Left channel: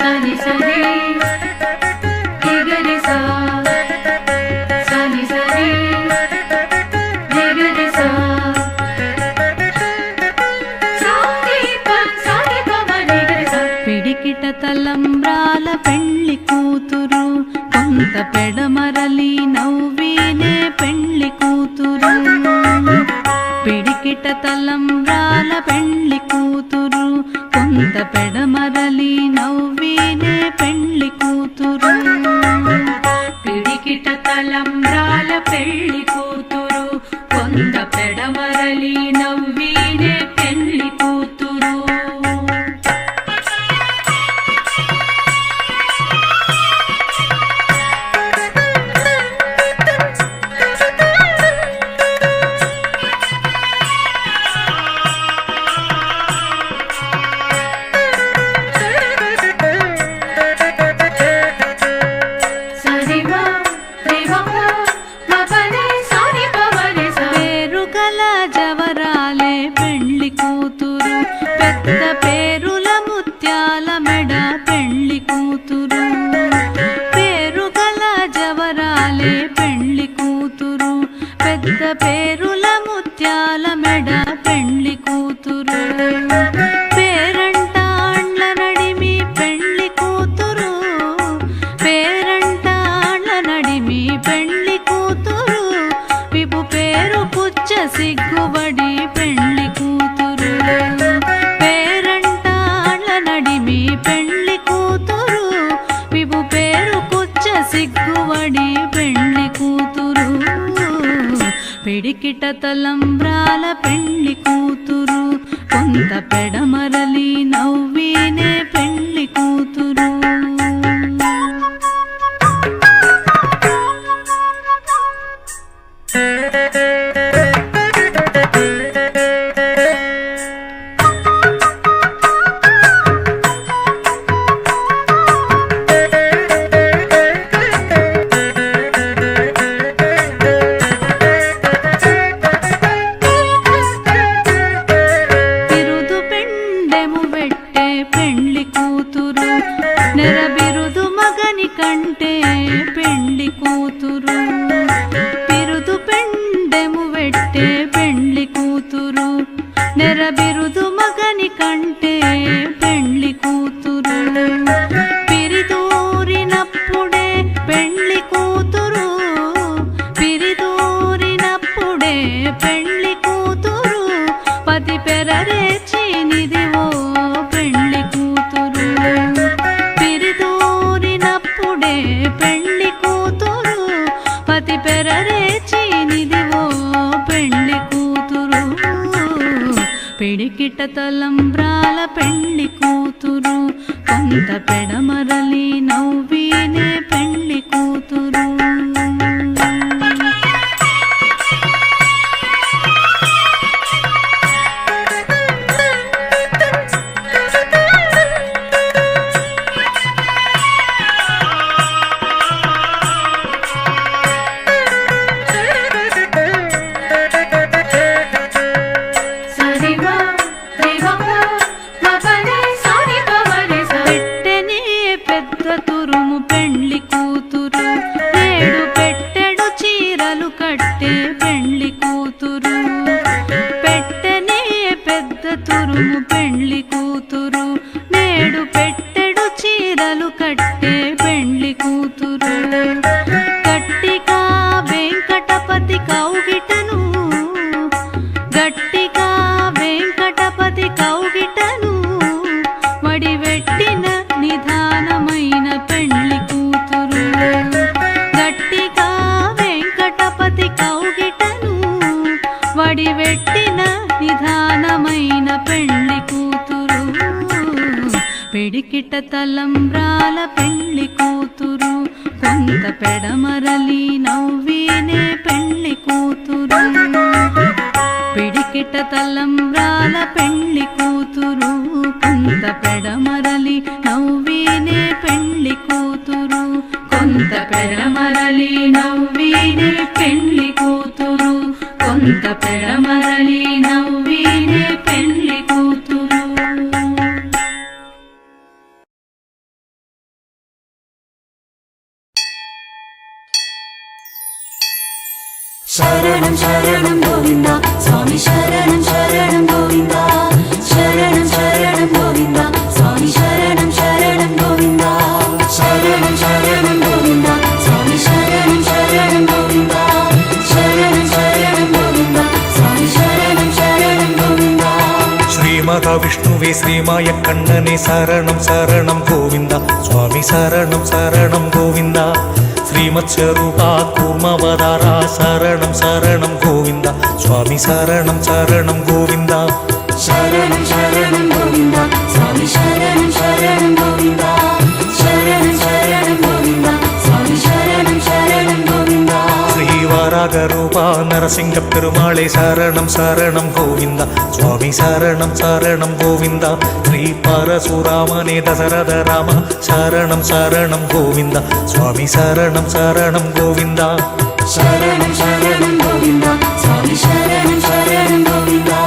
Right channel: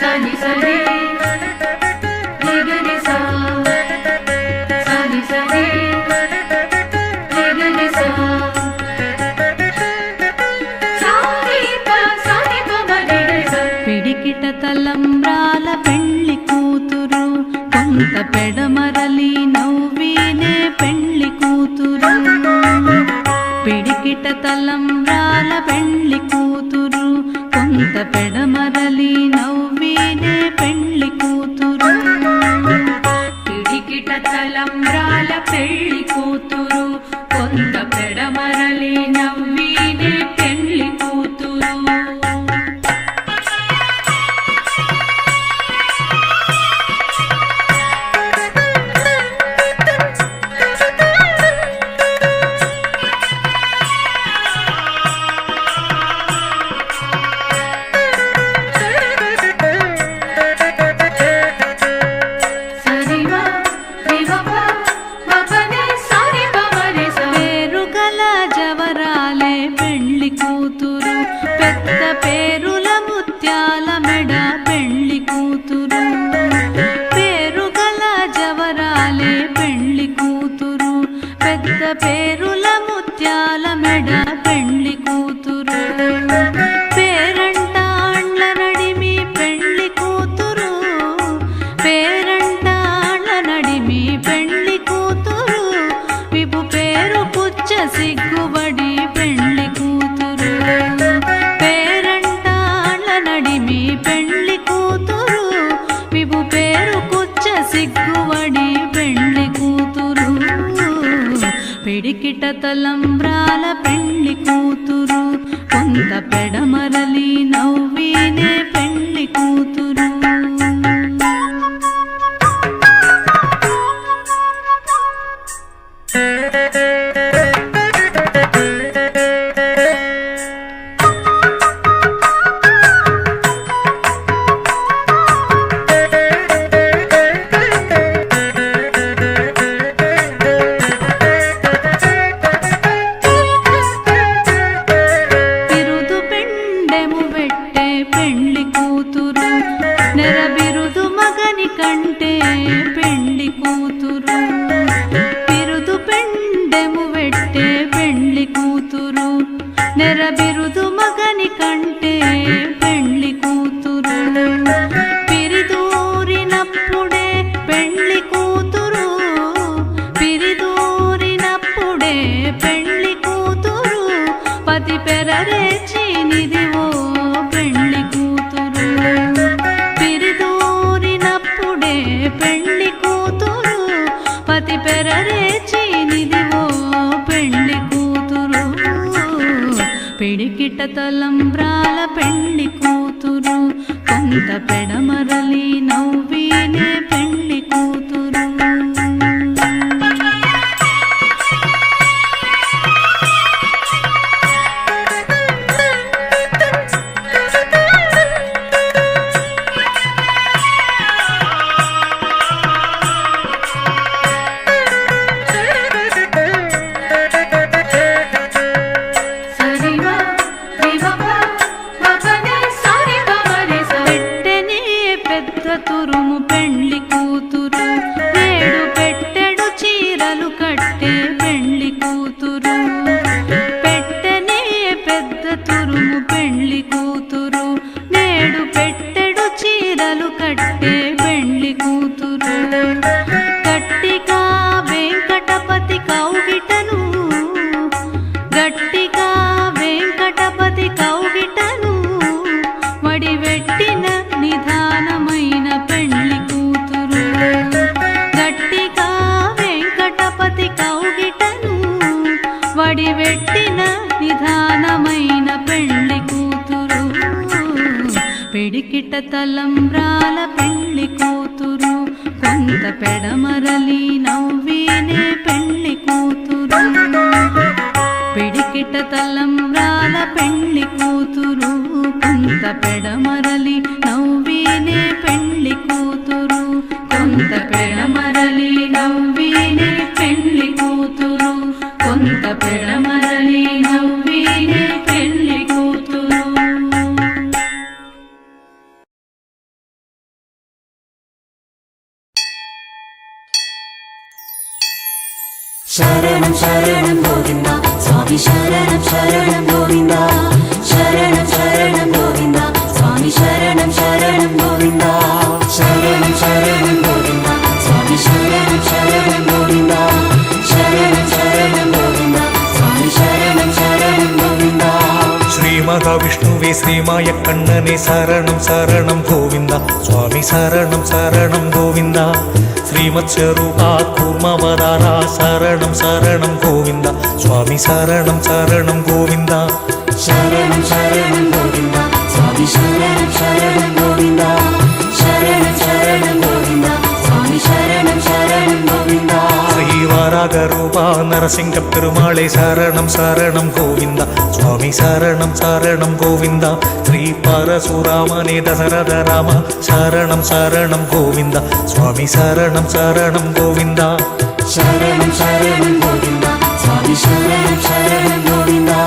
సని సని రిగరి సా సని సని రిగరి సా సానిత సానిత మరిగరి సా పిడికిట తలంబ్రాల పెళ్లి కూతురు కొంత పెడమరలి నవ్వినే పెళ్లి కూతురు పిడికిట తలంబ్రాల పెళ్లి కూతురు కొంత పెడమరలి నవ్వినే పెళ్లి కూతురు పిడికిట తలంబ్రాల పెళ్లి కూతురు కొంత పెడమరలి నవ్వినే పెళ్లి కూతురు జవరాలే పెళ్లి కూతురు పెద్ద పేరుల ముత్యాల మెడ పెళ్లి కూతురు పేరుగల జవరాలే పెళ్లి కూతురు పెద్ద పేరుల ముత్యాల మెడ పెళ్లి కూతురు పేరంటాండ్ల నడిమి పెళ్లి కూతురు పేరంటాండ్ల నడిమి పెళ్లి కూతురు విభు పేరు పుచ్చ సిగ్గుబడి పెళ్లి కూతురు పేరంటాళ్ళ నడిమి పెళ్లి కూతురు విభు పేరు కుచ్చ సిగ్గుబడి పెళ్లి కూతురు పిడికిట తలంబ్రాల పెళ్లి కూతురు కొంత పెడమరలి నవ్వినే పెళ్లి కూతురు పెళ్లి కూతురు నెరబిరుదు మగని కంటే పెళ్లి కూతురు బిరుదు పెండెము వెట్టే పెళ్లి కూతురు నెరబిరుదు మగని కంటే పెళ్లి కూతురు పిరిదూరినప్పుడే పెళ్లి కూతురు పిరిదూరినప్పుడే పెళ్లి కూతురు పతి పెరరేచి నిదివో పెళ్లి కూతురు పిరిదూరినప్పుడే పెళ్లి కూతురు పతి పెరరేచి నిదివో పెళ్లి కూతురు పిడికిట తలంబ్రాల పెళ్లి కూతురు కొంత పెడమరలి నవ్వినే పెళ్లి కూతురు తురుము పెళ్లి కూతురు ఏడు పెట్టెడు చీరలు కట్టే పెళ్లి కూతురు పెట్టెనే పెద్ద తురుము పెళ్లి కూతురు నేడు పెట్టెడు చీరలు కట్టే పెళ్లి కూతురు గట్టిగా వెంకటపతి కౌగిటను గట్టిగా వెంకటపతి కౌగిటను వడివెట్టిన నిధానమైన పెళ్లి కూతురు గట్టిగా వెంకటపతి కౌగిటను వడివెట్టిన నిధానమైన పెళ్లి కూతురు పిడికిట తలంబ్రాల పెళ్లి కూతురు కొంత పెడమరలి నవ్వినే పెళ్లి కూతురు పిడికిట తలంబ్రాల పెళ్లి కూతురు కొంత పెడమరలి నవ్వినే పెళ్లి కూతురు కొంత పెడమరలి నవ్వినే పెళ్లి కూతురు కొంత పెడమరలి నవ్వినే மகாவிஷ்ணுவே ஸ்ரீமாய கண்ணனே சரணம் சரணம் கோவிந்தா சுவாமி சரணம் சரணம் கோவிந்தா ஸ்ரீமத்ஸ்வரூபா கூர்மவதாரா சரணம் சரணம் கோவிந்தா சுவாமி சரணம் சரணம் கோவிந்தா சரணம் சரணம் கோவிந்தா சுவாமி சரணம் சரணம் கோவிந்தா சரணம் சரணம் கோவிந்தா சுவாமி சரணம் சரணம் கோவிந்தா ஸ்ரீவராக ரூபா நரசிங்க பெருமாளே சரணம் சரணம் கோவிந்தா சுவாமி சரணம் சரணம் கோவிந்தா ஸ்ரீ பரசுராமனே தசரத ராம சரணம் சரணம் கோவிந்தா சுவாமி சரணம் சரணம் கோவிந்தா சரணம் சரணம் கோவிந்தா சுவாமி சரணம் சரணம் கோவிந்தா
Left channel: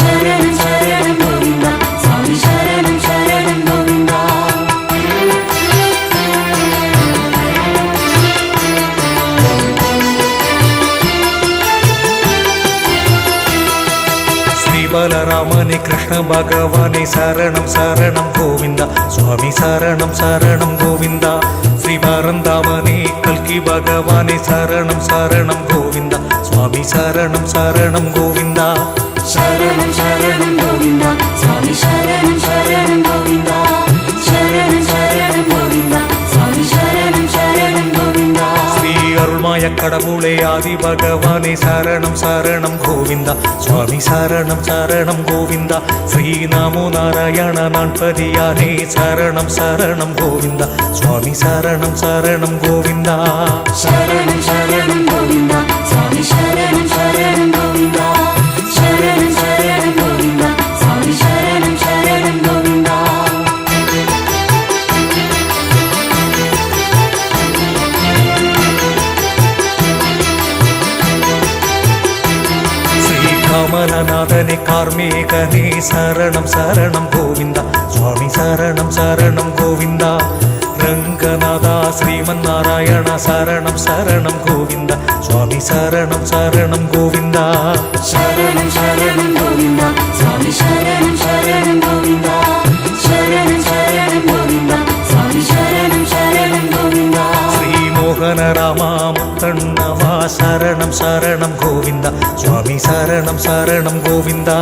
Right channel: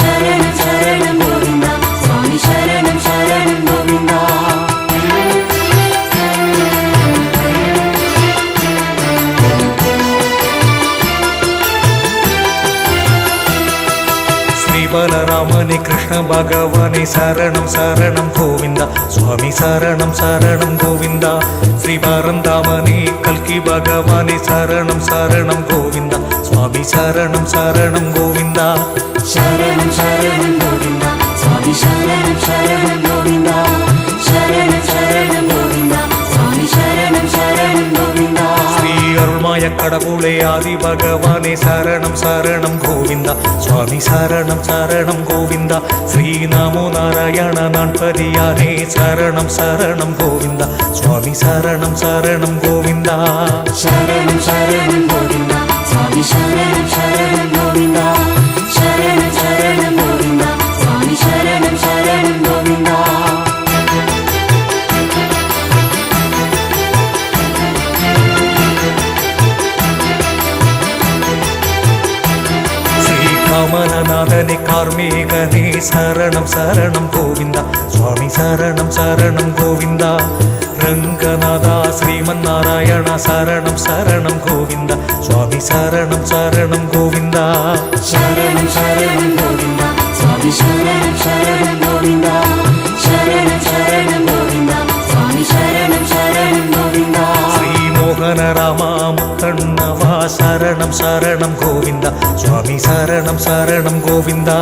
சரணம் சரணம் கோவிந்தா சுவாமி சரணம் சரணம் கோவிந்தா ஸ்ரீபலராமனே கிருஷ்ண பகவானே சரணம் சரணம் கோவிந்தா சுவாமி சரணம் சரணம் கோவிந்தா ஸ்ரீ பரந்தாமனே கல்கி பகவானே சரணம் சரணம் கோவிந்தா சுவாமி சரணம் சரணம் கோவிந்தா சரணம் சரணம் கோவிந்தா சுவாமி சரணம் சரணம் கோவிந்தா சரணம் சரணம் கோவிந்தா சுவாமி சரணம் சரணம் கோவிந்தா ஸ்ரீ அருள்மாய கடவுளே ஆதி பகவானே சரணம் சரணம் கோவிந்தா சுவாமி சரணம் சரணம் கோவிந்தா ஸ்ரீ நமோ நாராயண நான்பதியானே சரணம் சரணம் கோவிந்தா சுவாமி சரணம் சரணம் கோவிந்தா சரணம் சரணம் கோவிந்தா சுவாமி சரணம் சரணம் கோவிந்தா சரணம் சரணம் கோவிந்தா சுவாமி சரணம் சரணம் கோவிந்தா ஸ்ரீ கமலநாதனே கார்மேகனே சரணம் சரணம் கோவிந்தா சுவாமி சரணம் சரணம் கோவிந்தா ரங்கநாதா ஸ்ரீமன்னாராயண சரணம் சரணம் கோவிந்தா சுவாமி சரணம் சரணம் கோவிந்தா சரணம் சரணம் கோவிந்தா சுவாமி சரணம் சரணம் கோவிந்தா சரணம் சரணம் கோவிந்தா சுவாமி சரணம் சரணம் கோவிந்தா ஸ்ரீ மோகன ராமா முத்தண்ணவா சரணம் சரணம் கோவிந்தா சுவாமி சரணம் சரணம் கோவிந்தா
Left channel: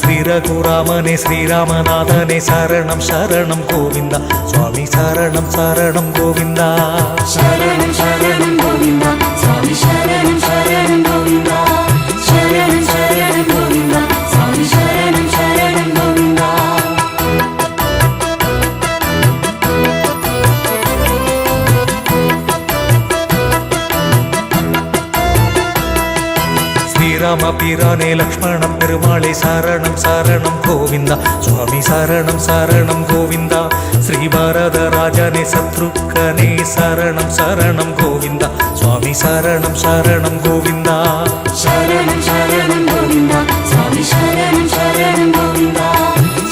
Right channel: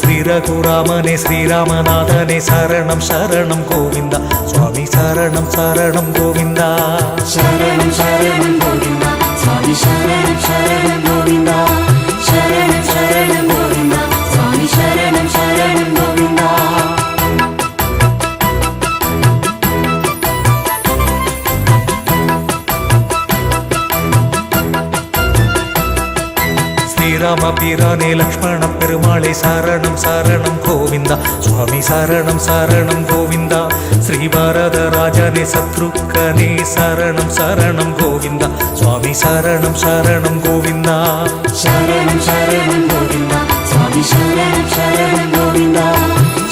ஸ்ரீ ரகுராமனே ஸ்ரீராமநாதனே சரணம் சரணம் கோவிந்தா சுவாமி சரணம் சரணம் கோவிந்தா சரணம் சரணம் கோவிந்தா சுவாமி சரணம் சரணம் கோவிந்தா சரணம் சரணம் கோவிந்தா சுவாமி சரணம் சரணம் கோவிந்தா ஸ்ரீராம பிரானே லக்ஷ்மண பெருமாளே சரணம் சரணம் கோவிந்தா சுவாமி சரணம் சரணம் கோவிந்தா ஸ்ரீ பாரத ராஜனே சத்ருக்கனே சரணம் சரணம் கோவிந்தா சுவாமி சரணம் சரணம் கோவிந்தா சரணம் சரணம் கோவிந்தா சுவாமி சரணம் சரணம் கோவிந்தா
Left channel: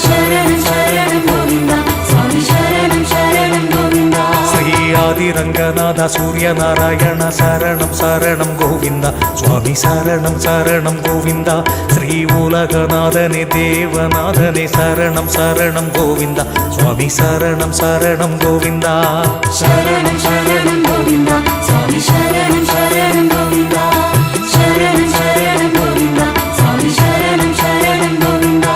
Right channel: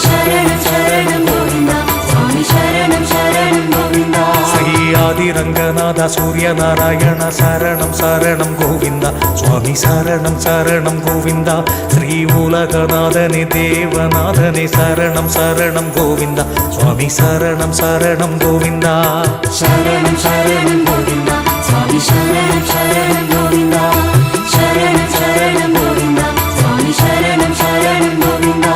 சரணம் சரணம் கோவிந்தா சுவாமி சரணம் சரணம் கோவிந்தா ஸ்ரீ ஆதிரங்கநாத சூரியநாராயண சரணம் சரணம் கோவிந்தா சுவாமி சரணம் சரணம் கோவிந்தா ஸ்ரீ உலகநாதனே தேவநாதனே சரணம் சரணம் கோவிந்தா சுவாமி சரணம் சரணம் கோவிந்தா சரணம் சரணம் கோவிந்தா சுவாமி சரணம் சரணம் கோவிந்தா சரணம் சரணம் கோவிந்தா சுவாமி சரணம் சரணம் கோவிந்தா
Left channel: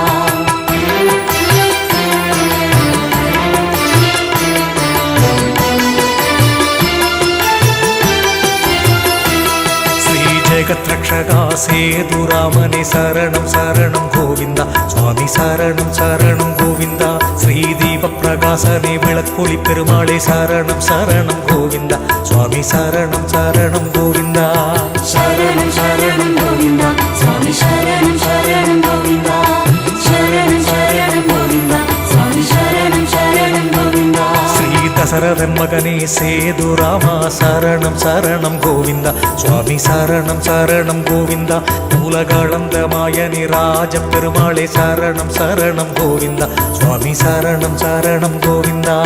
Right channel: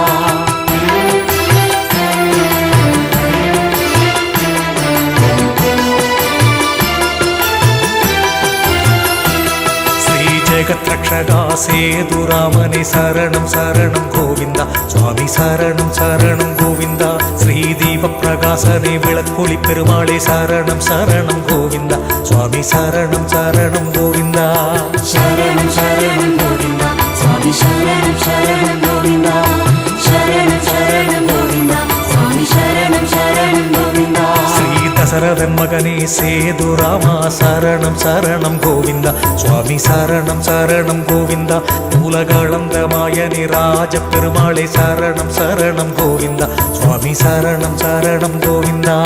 ஸ்ரீ ஜெகத்ரக்ஷகா சேதுராமனே சரணம் சரணம் கோவிந்தா சுவாமி சரணம் சரணம் கோவிந்தா ஸ்ரீ தீப பிரகாசனே விளக்கொளி பெருமாளே சரணம் சரணம் கோவிந்தா சுவாமி சரணம் சரணம் கோவிந்தா சரணம் சரணம் கோவிந்தா சுவாமி சரணம் சரணம் கோவிந்தா சரணம் சரணம் கோவிந்தா சுவாமி சரணம் சரணம் கோவிந்தா ஸ்ரீ தசரதன் மகனே சேதுராமா சரணம் சரணம் கோவிந்தா சுவாமி சரணம் சரணம் கோவிந்தா உலகளந்த மாயனி ராஜ பெருமாளே சரணம் சரணம் கோவிந்தா சுவாமி சரணம் சரணம் கோவிந்தா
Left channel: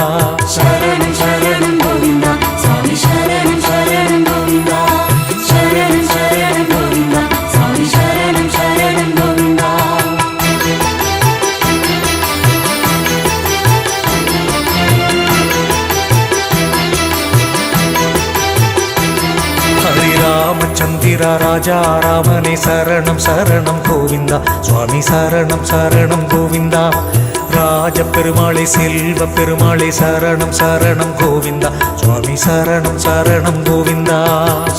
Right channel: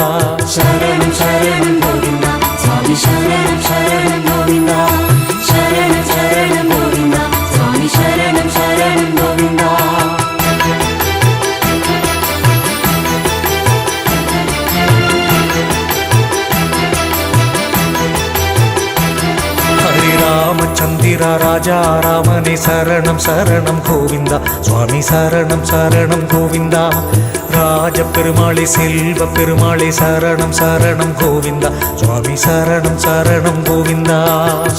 சரணம் சரணம் கோவிந்தா சுவாமி சரணம் சரணம் கோவிந்தா சரணம் சரணம் கோவிந்தா சுவாமி சரணம் சரணம் கோவிந்தா ஹரிராமச்சந்திர மதுரா ராஜா ராமனே சரணம் சரணம் கோவிந்தா சுவாமி சரணம் சரணம் கோவிந்தா ராஜ பெருமாளே செல்வ பெருமாளே சரணம் சரணம் கோவிந்தா சுவாமி சரணம் சரணம் கோவிந்தா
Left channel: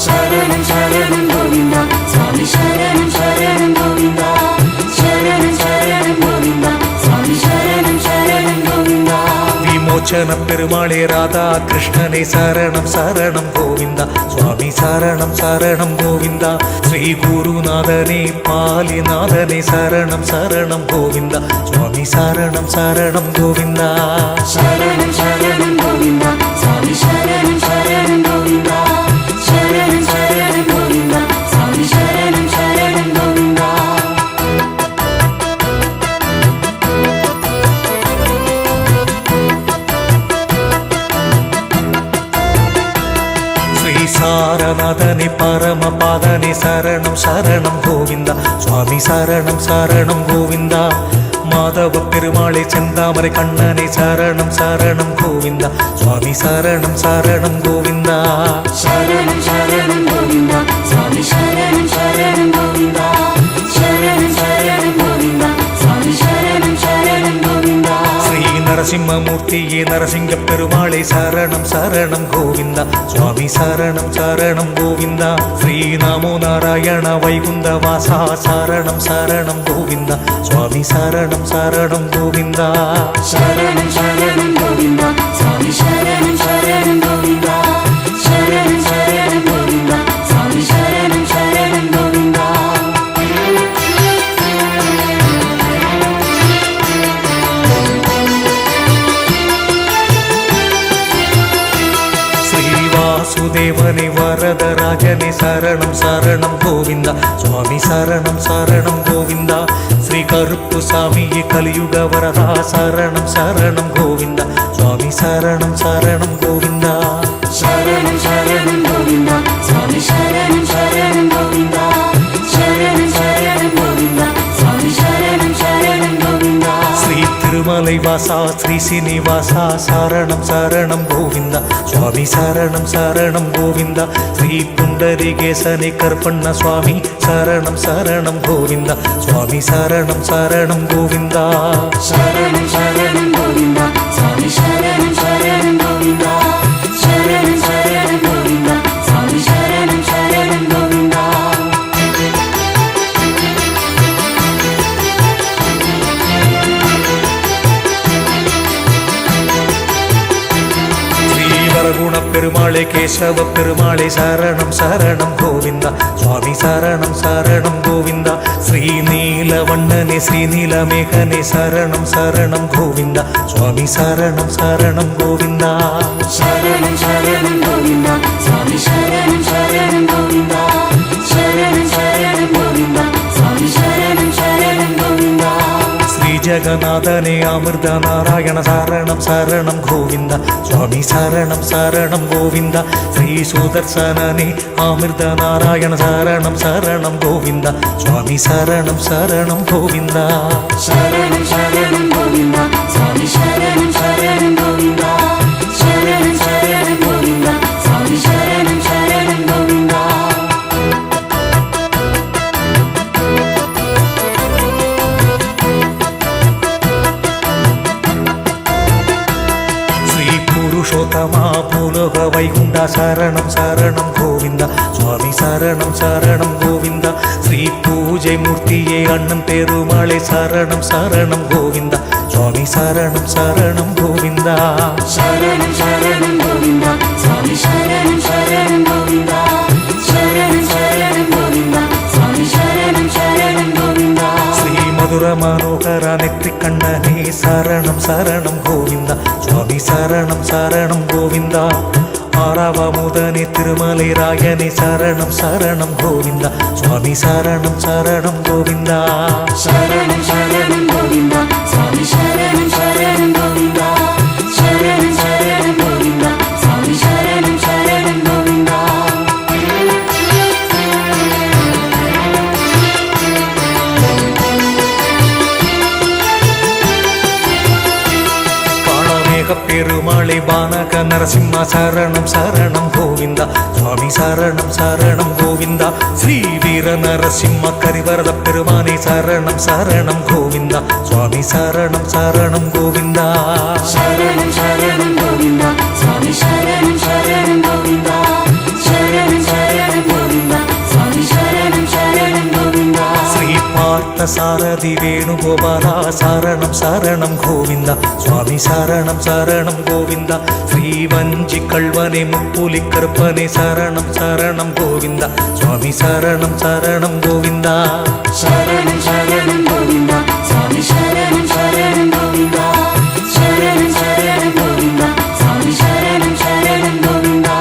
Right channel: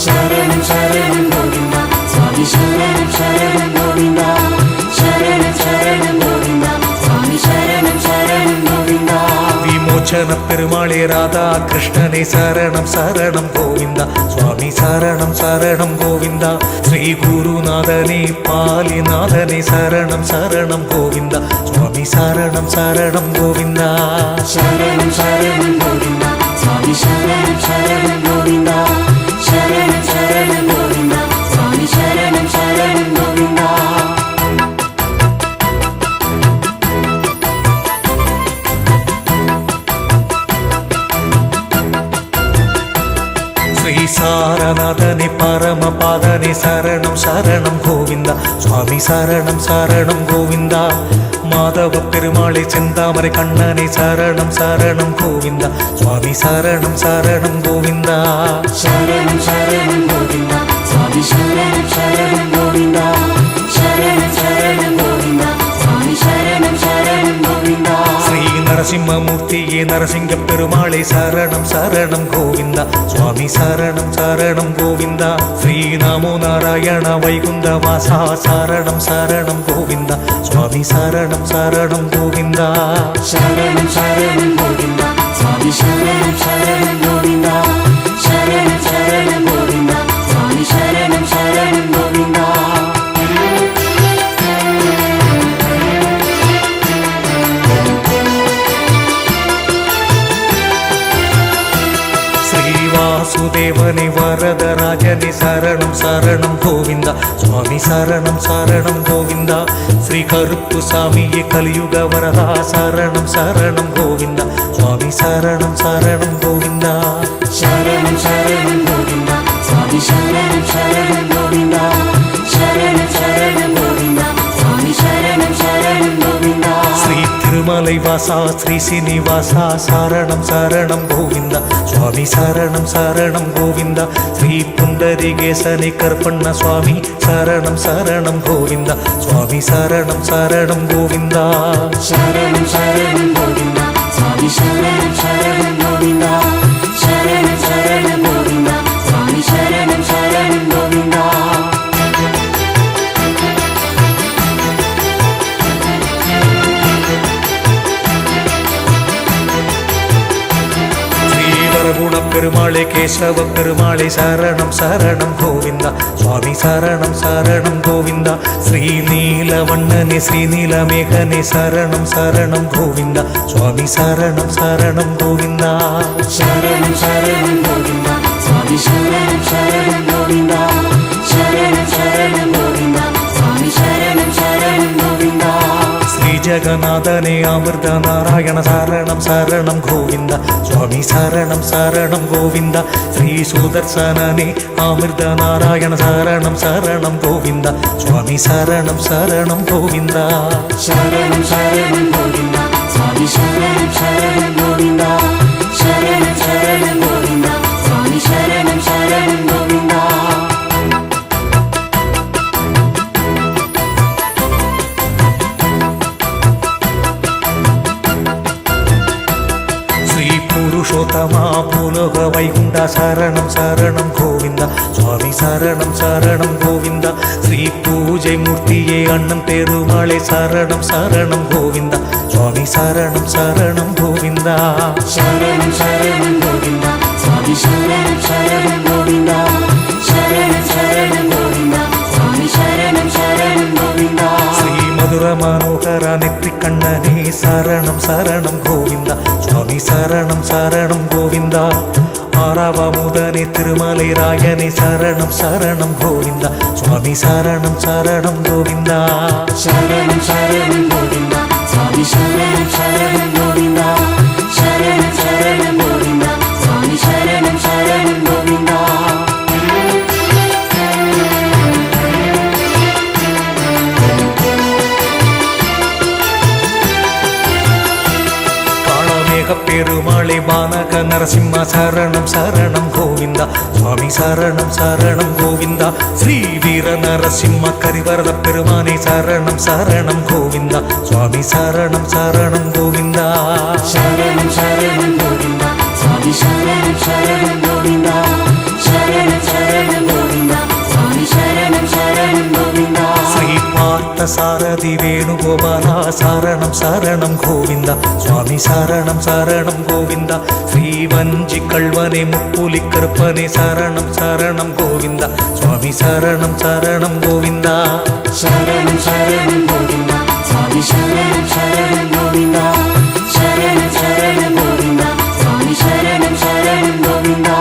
சரணம் சரணம் கோவிந்தா சுவாமி சரணம் சரணம் கோவிந்தா சரணம் சரணம் கோவிந்தா சுவாமி சரணம் சரணம் கோவிந்தா விமோச்சன பெருமாளே ராதா கிருஷ்ணனே சரணம் சரணம் கோவிந்தா சுவாமி சரணம் சரணம் கோவிந்தா ஸ்ரீ குருநாதனே பாலிநாதனே சரணம் சரணம் கோவிந்தா சுவாமி சரணம் சரணம் கோவிந்தா சரணம் சரணம் கோவிந்தா சுவாமி சரணம் சரணம் கோவிந்தா சரணம் சரணம் கோவிந்தா சுவாமி சரணம் சரணம் கோவிந்தா ஸ்ரீ சாரநாதனே பரமபாதனே சரணம் சரணம் கோவிந்தா சுவாமி சரணம் சரணம் கோவிந்தா மாதவ பெருமாளே செந்தாமரை கண்ணனே சரணம் சரணம் கோவிந்தா சுவாமி சரணம் சரணம் கோவிந்தா சரணம் சரணம் கோவிந்தா சுவாமி சரணம் சரணம் கோவிந்தா சரணம் சரணம் கோவிந்தா சுவாமி சரணம் சரணம் கோவிந்தா ஸ்ரீ நரசிம்மமூர்த்தியே நரசிங்க பெருமாளே சரணம் சரணம் கோவிந்தா சுவாமி சரணம் சரணம் கோவிந்தா ஸ்ரீ நமோ நாராயண வைகுந்த வாசா சரணம் சரணம் கோவிந்தா சுவாமி சரணம் சரணம் கோவிந்தா சரணம் சரணம் கோவிந்தா சுவாமி சரணம் சரணம் கோவிந்தா சரணம் சரணம் கோவிந்தா சுவாமி சரணம் சரணம் கோவிந்தா வாசுதேவனே வரதராஜனே சரணம் சரணம் கோவிந்தா சுவாமி சரணம் சரணம் கோவிந்தா ஸ்ரீ கருப்பு சாமியே கலியுக வரதா சரணம் சரணம் கோவிந்தா சுவாமி சரணம் சரணம் கோவிந்தா சரணம் சரணம் கோவிந்தா சுவாமி சரணம் சரணம் கோவிந்தா சரணம் சரணம் கோவிந்தா சுவாமி சரணம் சரணம் கோவிந்தா ஸ்ரீ திருமலை வாசா ஸ்ரீ சீனிவாசா சரணம் சரணம் கோவிந்தா சுவாமி சரணம் சரணம் கோவிந்தா ஸ்ரீ புண்டரிகேசனே கற்பண்ண சுவாமி சரணம் சரணம் கோவிந்தா சுவாமி சரணம் சரணம் கோவிந்தா சரணம் சரணம் கோவிந்தா சுவாமி சரணம் சரணம் கோவிந்தா சரணம் சரணம் கோவிந்தா சுவாமி சரணம் சரணம் கோவிந்தா ஸ்ரீவரகுண பெருமாளே கேசவ பெருமாளே சரணம் சரணம் கோவிந்தா சுவாமி சரணம் சரணம் கோவிந்தா ஸ்ரீ நீலவண்ணனே ஸ்ரீ நீலமேகனே சரணம் சரணம் கோவிந்தா சுவாமி சரணம் சரணம் கோவிந்தா சரணம் சரணம் கோவிந்தா சுவாமி சரணம் சரணம் கோவிந்தா சரணம் சரணம் கோவிந்தா சுவாமி சரணம் சரணம் கோவிந்தா ஸ்ரீ ஜெகநாதனே அமிர்த நாராயண சரணம் சரணம் கோவிந்தா சுவாமி சரணம் சரணம் கோவிந்தா ஸ்ரீ சுதர்சனனே அமிர்த நாராயண சரணம் சரணம் கோவிந்தா சுவாமி சரணம் சரணம் கோவிந்தா சரணம் சரணம் கோவிந்தா சுவாமி சரணம் சரணம் கோவிந்தா சரணம் சரணம் கோவிந்தா சுவாமி சரணம் சரணம் கோவிந்தா ஸ்ரீ புருஷோத்தமா பூலோக வைகுண்டா சரணம் சரணம் கோவிந்தா சுவாமி சரணம் சரணம் கோவிந்தா ஸ்ரீ பூஜை மூர்த்தியே அண்ணன் பெருமாளே சரணம் சரணம் கோவிந்தா சுவாமி சரணம் சரணம் கோவிந்தா சரணம் சரணம் கோவிந்தா சுவாமி சரணம் சரணம் கோவிந்தா சரணம் சரணம் கோவிந்தா சுவாமி சரணம் சரணம் கோவிந்தா ஸ்ரீ மதுர மனோகர நெற்றி கண்ணனே சரணம் சரணம் கோவிந்தா சுவாமி சரணம் சரணம் கோவிந்தா ஆறாவமுதனே திருமலை ராயனே சரணம் சரணம் கோவிந்தா சுவாமி சரணம் சரணம் கோவிந்தா சரணம் சரணம் கோவிந்தா சுவாமி சரணம் சரணம் கோவிந்தா சரணம் சரணம் கோவிந்தா சுவாமி சரணம் சரணம் கோவிந்தா கலியுக பெருமாளே பானக நரசிம்ம சரணம் சரணம் கோவிந்தா சுவாமி சரணம் சரணம் கோவிந்தா ஸ்ரீ வீர நரசிம்ம கரிவரத பெருமானே சரணம் சரணம் கோவிந்தா சுவாமி சரணம் சரணம் கோவிந்தா சரணம் சரணம் கோவிந்தா சுவாமி சரணம் சரணம் கோவிந்தா சரணம் சரணம் கோவிந்தா சுவாமி சரணம் சரணம் கோவிந்தா ஸ்ரீ பார்த்த சாரதி வேணுகோபாலா சரணம் சரணம் கோவிந்தா சுவாமி சரணம் சரணம் கோவிந்தா ஸ்ரீ வஞ்சி கல்வனே முப்புலி கருப்பனே சரணம் சரணம் கோவிந்தா சுவாமி சரணம் சரணம் கோவிந்தா சரணம் சரணம் கோவிந்தா சுவாமி சரணம் சரணம் கோவிந்தா சரணம் சரணம் கோவிந்தா சுவாமி சரணம் சரணம் கோவிந்தா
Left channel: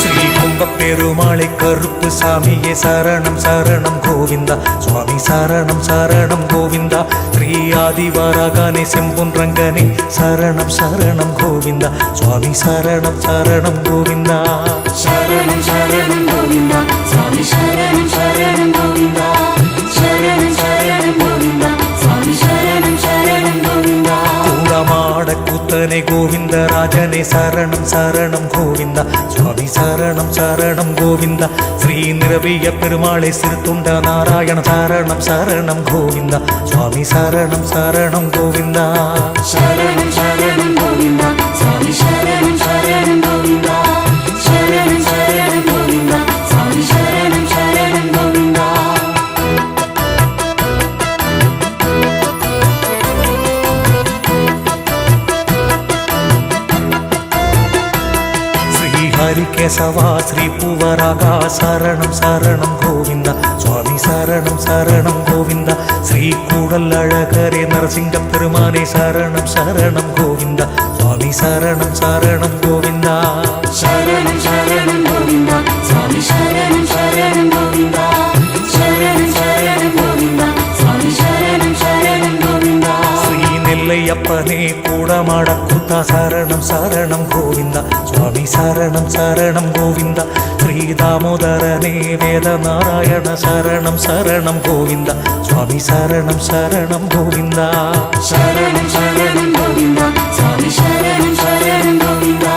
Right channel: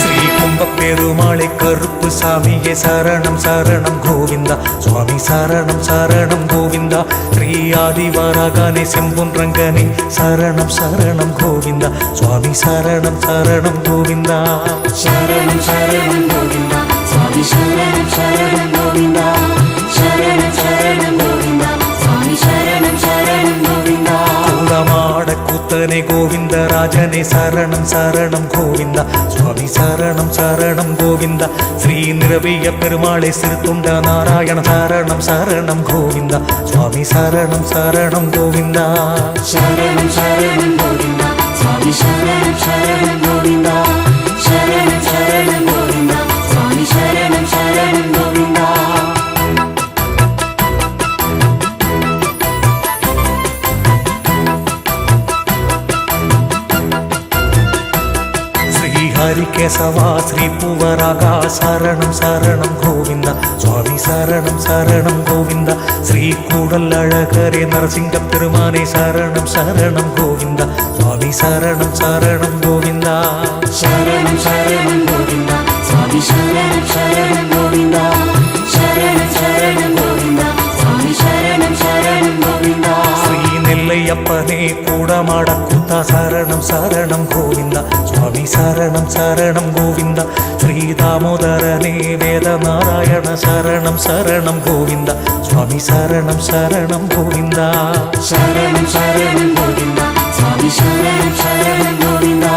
ஸ்ரீ கும்ப பெருமாளை கருப்பு சாமியே சரணம் சரணம் கோவிந்தா சுவாமி சரணம் சரணம் கோவிந்தா ஸ்ரீ ஆதிவராகனே செம்பொன் ரங்கனே சரணம் சரணம் கோவிந்தா சுவாமி சரணம் சரணம் கோவிந்தா சரணம் சரணம் கோவிந்தா சுவாமி சரணம் சரணம் கோவிந்தா சரணம் சரணம் கோவிந்தா சுவாமி சரணம் சரணம் கோவிந்தா கூடமாட கூத்தனே கோவிந்தராஜனே சரணம் சரணம் கோவிந்தா சுவாமி சரணம் சரணம் கோவிந்தா ஸ்ரீ நிரவிய பெருமாளை சிறுத்துண்ட நாராயண சரணம் சரணம் கோவிந்தா சுவாமி சரணம் சரணம் கோவிந்தா சரணம் சரணம் கோவிந்தா சுவாமி சரணம் சரணம் கோவிந்தா சரணம் சரணம் கோவிந்தா சுவாமி சரணம் சரணம் கோவிந்தா ஸ்ரீ ஹரிகேசவா ஸ்ரீ பூவராகா சரணம் சரணம் கோவிந்தா சுவாமி சரணம் சரணம் கோவிந்தா ஸ்ரீ கூடல் அழகரே நரசிங்க பெருமானே சரணம் சரணம் கோவிந்தா சுவாமி சரணம் சரணம் கோவிந்தா சரணம் சரணம் கோவிந்தா சுவாமி சரணம் சரணம் கோவிந்தா சரணம் சரணம் கோவிந்தா சுவாமி சரணம் சரணம் கோவிந்தா ஸ்ரீ நெல்லையப்பனே கூடமாட கூத்தா சரணம் சரணம் கோவிந்தா சுவாமி சரணம் சரணம் கோவிந்தா ஸ்ரீ தாமோதரனே வேத நாராயண சரணம் சரணம் கோவிந்தா சுவாமி சரணம் சரணம் கோவிந்தா சரணம் சரணம் கோவிந்தா சுவாமி சரணம் சரணம் கோவிந்தா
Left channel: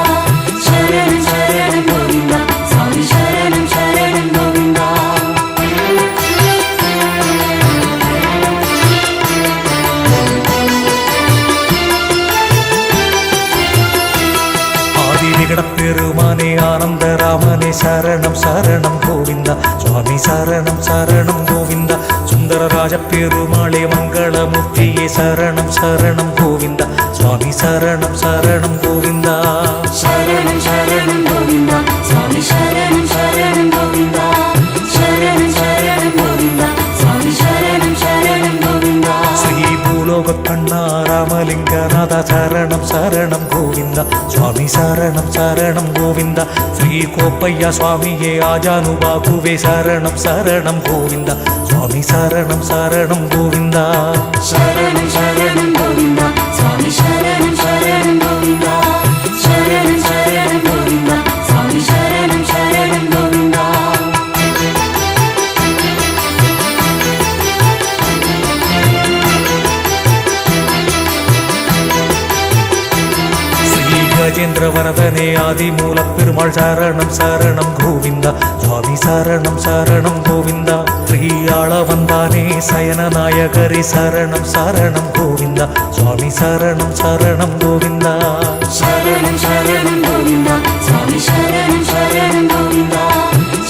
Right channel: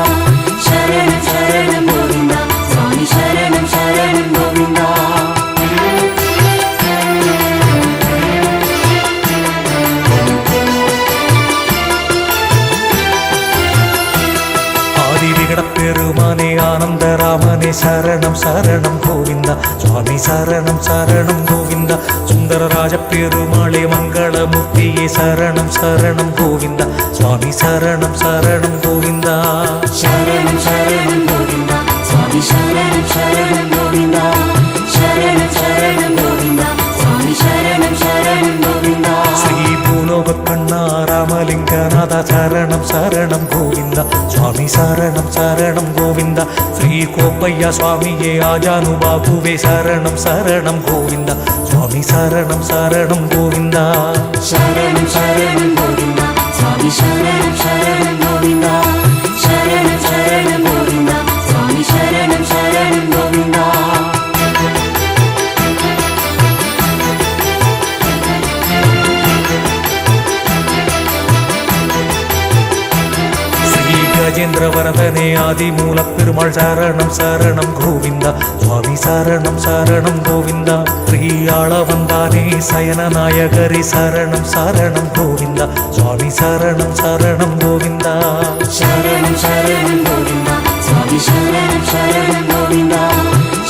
சரணம் சரணம் கோவிந்தா சுவாமி சரணம் சரணம் கோவிந்தா ஆதி விகட பெருமானே ஆனந்த ராமனே சரணம் சரணம் கோவிந்தா சுவாமி சரணம் சரணம் கோவிந்தா சுந்தரராஜ பெருமாளே மங்களமூர்த்தியே சரணம் சரணம் கோவிந்தா சுவாமி சரணம் சரணம் கோவிந்தா சரணம் சரணம் கோவிந்தா சுவாமி சரணம் சரணம் கோவிந்தா சரணம் சரணம் கோவிந்தா சுவாமி சரணம் சரணம் கோவிந்தா ஸ்ரீ பூலோக கண்ணா ராமலிங்கநாத சரணம் சரணம் கோவிந்தா சுவாமி சரணம் சரணம் கோவிந்தா ஸ்ரீ கோப்பையா சுவாமியே ஆஜானுபாகுவே சரணம் சரணம் கோவிந்தா சுவாமி சரணம் சரணம் கோவிந்தா சரணம் சரணம் கோவிந்தா சுவாமி சரணம் சரணம் கோவிந்தா சரணம் சரணம் கோவிந்தா சுவாமி சரணம் சரணம் கோவிந்தா ஸ்ரீ கஜேந்திர வரதனே ஆதி மூல பெருமாள் சரணம் சரணம் கோவிந்தா சுவாமி சரணம் சரணம் கோவிந்தா ஸ்ரீ ஆளவந்தானே சயன நாயகரி சரணம் சரணம் கோவிந்தா சுவாமி சரணம் சரணம் கோவிந்தா சரணம் சரணம் கோவிந்தா சுவாமி சரணம் சரணம் கோவிந்தா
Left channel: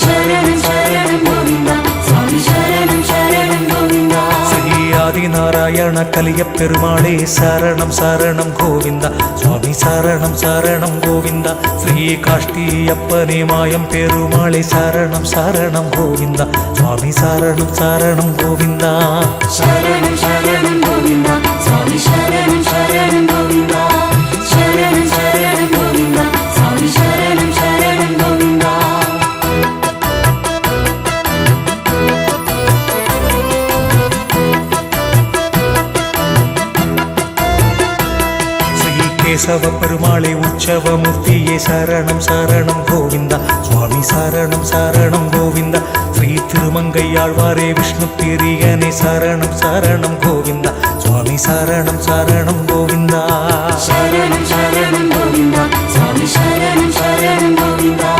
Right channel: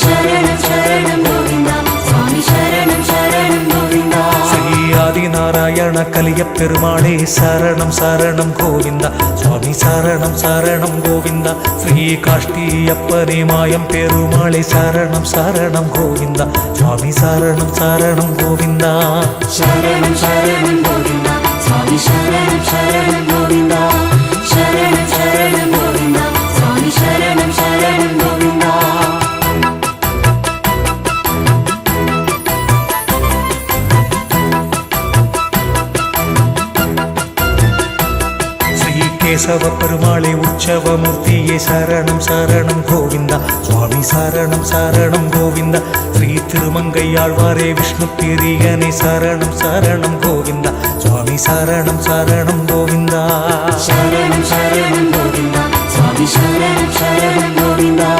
சரணம் சரணம் கோவிந்தா சுவாமி சரணம் சரணம் கோவிந்தா ஸ்ரீ ஆதிநாராயண கலிய பெருமாளே சரணம் சரணம் கோவிந்தா சுவாமி சரணம் சரணம் கோவிந்தா ஸ்ரீ காஷ்டியப்பனே மாயம் பெருமாளே சரணம் சரணம் கோவிந்தா சுவாமி சரணம் சரணம் கோவிந்தா சரணம் சரணம் கோவிந்தா சுவாமி சரணம் சரணம் கோவிந்தா சரணம் சரணம் கோவிந்தா சுவாமி சரணம் சரணம் கோவிந்தா கேசவ பெருமாளே உற்சவமூர்த்தியே சரணம் சரணம் கோவிந்தா சுவாமி சரணம் சரணம் கோவிந்தா ஸ்ரீ திருமங்கையாழ்வாரே விஷ்ணு பிரியனே சரணம் சரணம் கோவிந்தா சுவாமி சரணம் சரணம் கோவிந்தா சரணம் சரணம் கோவிந்தா சுவாமி சரணம் சரணம் கோவிந்தா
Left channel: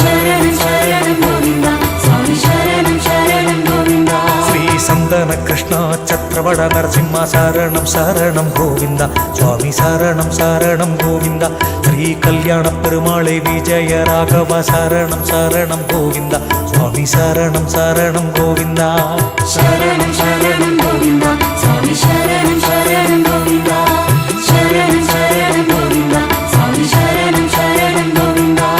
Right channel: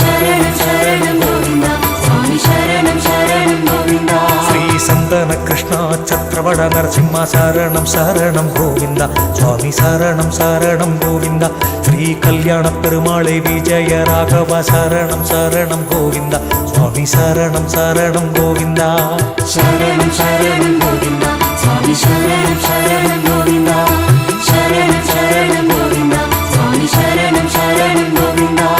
சரணம் சரணம் கோவிந்தா சுவாமி சரணம் சரணம் கோவிந்தா ஸ்ரீ சந்தன கிருஷ்ணா சத்ரவட நரசிம்மா சரணம் சரணம் கோவிந்தா சுவாமி சரணம் சரணம் கோவிந்தா ஸ்ரீ கல்யாண பெருமாளே விஜய ராகவ சரணம் சரணம் கோவிந்தா சுவாமி சரணம் சரணம் கோவிந்தா சரணம் சரணம் கோவிந்தா சுவாமி சரணம் சரணம் கோவிந்தா சரணம் சரணம் கோவிந்தா சுவாமி சரணம் சரணம் கோவிந்தா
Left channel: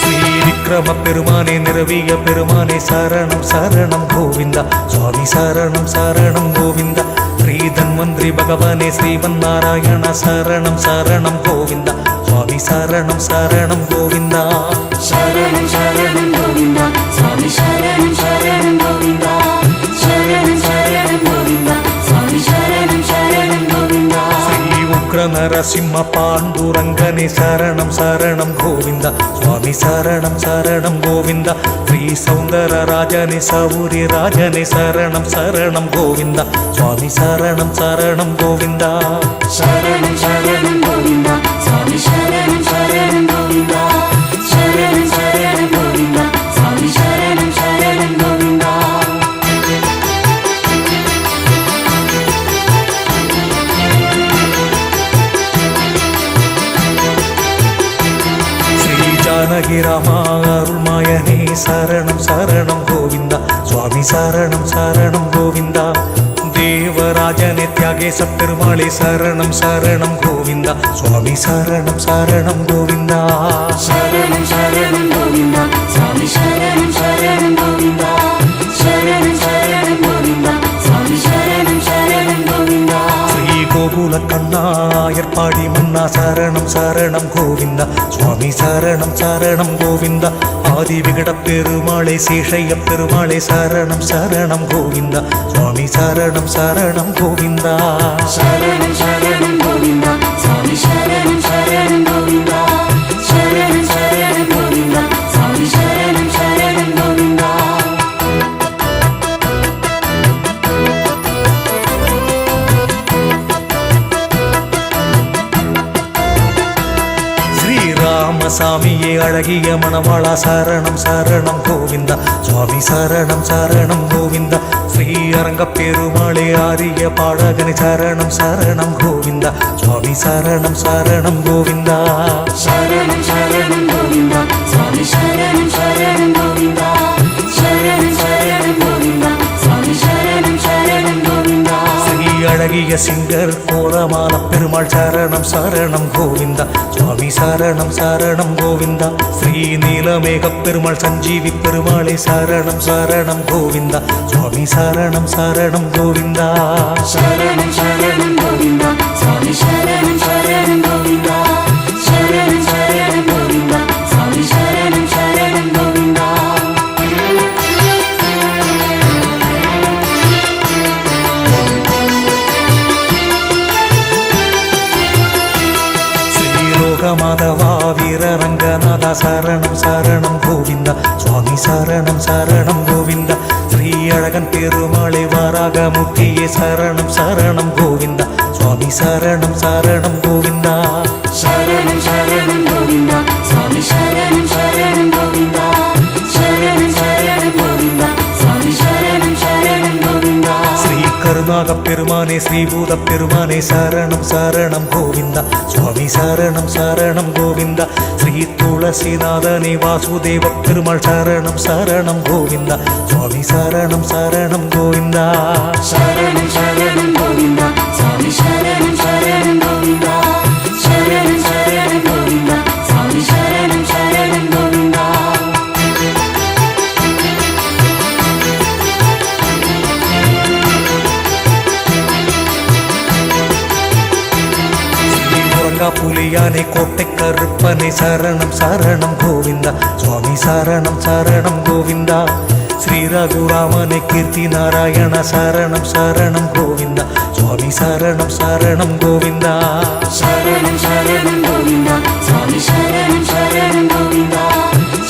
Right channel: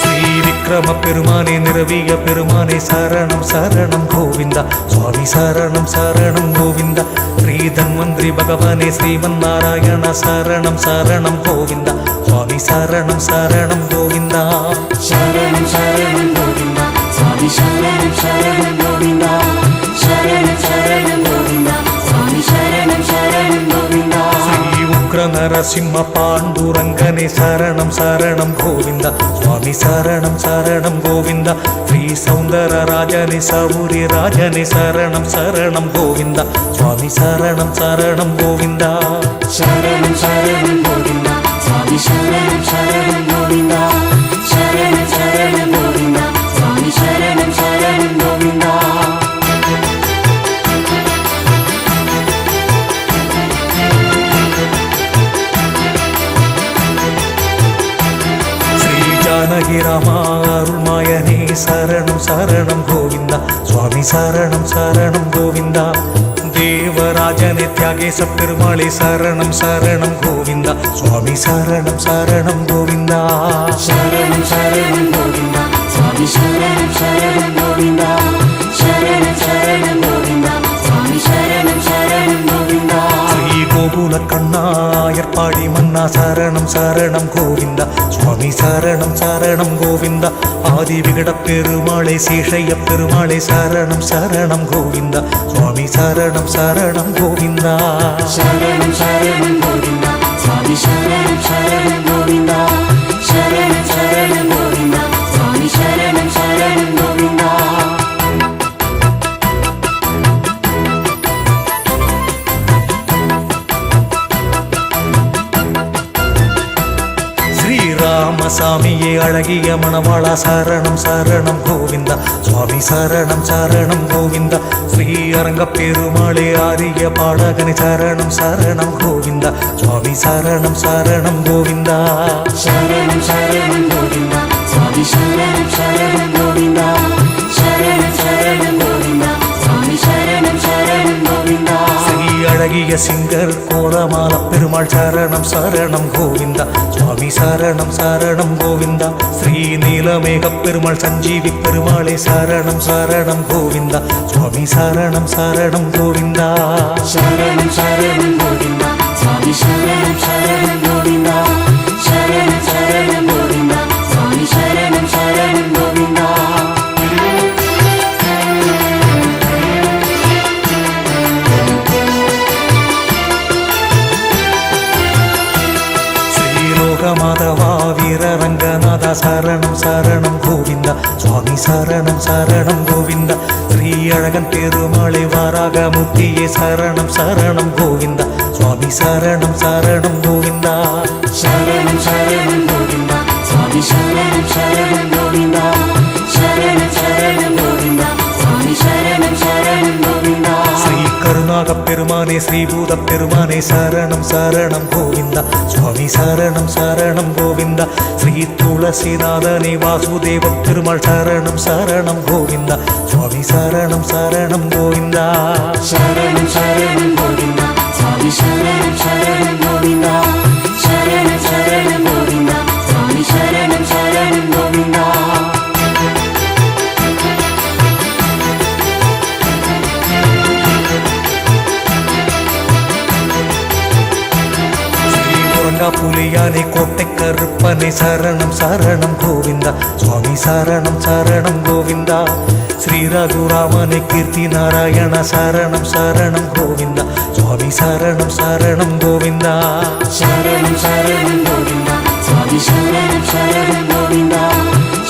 ஸ்ரீ விக்ரம பெருமானே நிரவிய பெருமானே சரணம் சரணம் கோவிந்தா சுவாமி சரணம் சரணம் கோவிந்தா ஸ்ரீ தன்வந்திரி பகவானே ஸ்ரீமன் நாராயண சரணம் சரணம் கோவிந்தா சுவாமி சரணம் சரணம் கோவிந்தா சரணம் சரணம் கோவிந்தா சுவாமி சரணம் சரணம் கோவிந்தா சரணம் சரணம் கோவிந்தா சுவாமி சரணம் சரணம் கோவிந்தா ஸ்ரீ உக்ர நரசிம்ம பாண்டுரங்கனே சரணம் சரணம் கோவிந்தா சுவாமி சரணம் சரணம் கோவிந்தா ஸ்ரீ சௌந்தர ராஜனே சௌரி ராஜனே சரணம் சரணம் கோவிந்தா சுவாமி சரணம் சரணம் கோவிந்தா சரணம் சரணம் கோவிந்தா சுவாமி சரணம் சரணம் கோவிந்தா சரணம் சரணம் கோவிந்தா சுவாமி சரணம் சரணம் கோவிந்தா ஸ்ரீ ஜானகி ராமா அருள்மாயனே சரணம் சரணம் கோவிந்தா சுவாமி சரணம் சரணம் கோவிந்தா தேவராஜனே தியாகேச பெருமாளே சரணம் சரணம் கோவிந்தா சுவாமி சரணம் சரணம் கோவிந்தா சரணம் சரணம் கோவிந்தா சுவாமி சரணம் சரணம் கோவிந்தா சரணம் சரணம் கோவிந்தா சுவாமி சரணம் சரணம் கோவிந்தா ஸ்ரீ கோகுல கண்ணா ஏற்பாடி மன்னா சரணம் சரணம் கோவிந்தா சுவாமி சரணம் சரணம் கோவிந்தா ஆதி விகட பெருமாளே சேஷைய பெருமாளே சரணம் சரணம் கோவிந்தா சுவாமி சரணம் சரணம் கோவிந்தா சரணம் சரணம் கோவிந்தா சுவாமி சரணம் சரணம் கோவிந்தா சரணம் சரணம் கோவிந்தா சுவாமி சரணம் சரணம் கோவிந்தா ஸ்ரீராமசாமியே அழகிய மணவாளா சரணம் சரணம் கோவிந்தா சுவாமி சரணம் சரணம் கோவிந்தா ஸ்ரீ அரங்க பெருமாளே ஆரிய பாடகனே சரணம் சரணம் கோவிந்தா சுவாமி சரணம் சரணம் கோவிந்தா சரணம் சரணம் கோவிந்தா சுவாமி சரணம் சரணம் கோவிந்தா சரணம் சரணம் கோவிந்தா சுவாமி சரணம் சரணம் கோவிந்தா ஸ்ரீ அழகிய சிங்கர் கோலமால பெருமாள் சரணம் சரணம் கோவிந்தா சுவாமி சரணம் சரணம் கோவிந்தா ஸ்ரீ நீலமேக பெருமாள் சஞ்சீவி பெருமாளே சரணம் சரணம் கோவிந்தா சுவாமி சரணம் சரணம் கோவிந்தா சரணம் சரணம் கோவிந்தா சுவாமி சரணம் சரணம் கோவிந்தா சரணம் சரணம் கோவிந்தா சுவாமி சரணம் சரணம் கோவிந்தா ஸ்ரீலோகமாதவா வீரரங்கநாதா சரணம் சரணம் கோவிந்தா சுவாமி சரணம் சரணம் கோவிந்தா ஸ்ரீ அழகன் பெருமாளே வாராக முத்தியே சரணம் சரணம் கோவிந்தா சுவாமி சரணம் சரணம் கோவிந்தா சரணம் சரணம் கோவிந்தா சுவாமி சரணம் சரணம் கோவிந்தா சரணம் சரணம் கோவிந்தா சுவாமி சரணம் சரணம் கோவிந்தா ஸ்ரீ கருணாக பெருமானே ஸ்ரீபூத பெருமானே சரணம் சரணம் கோவிந்தா சுவாமி சரணம் சரணம் கோவிந்தா ஸ்ரீ துளசிநாதனே வாசுதேவ பெருமாள் சரணம் சரணம் கோவிந்தா சுவாமி சரணம் சரணம் கோவிந்தா சரணம் சரணம் கோவிந்தா சுவாமி சரணம் சரணம் கோவிந்தா சரணம் சரணம் கோவிந்தா சுவாமி சரணம் சரணம் கோவிந்தா புலியானே கோட்டை கருப்பனே சரணம் சரணம் கோவிந்தா சுவாமி சரணம் சரணம் கோவிந்தா ஸ்ரீ ரகுராமனே கீர்த்தி நாராயண சரணம் சரணம் கோவிந்தா சுவாமி சரணம் சரணம் கோவிந்தா சரணம் சரணம் கோவிந்தா சுவாமி சரணம் சரணம் கோவிந்தா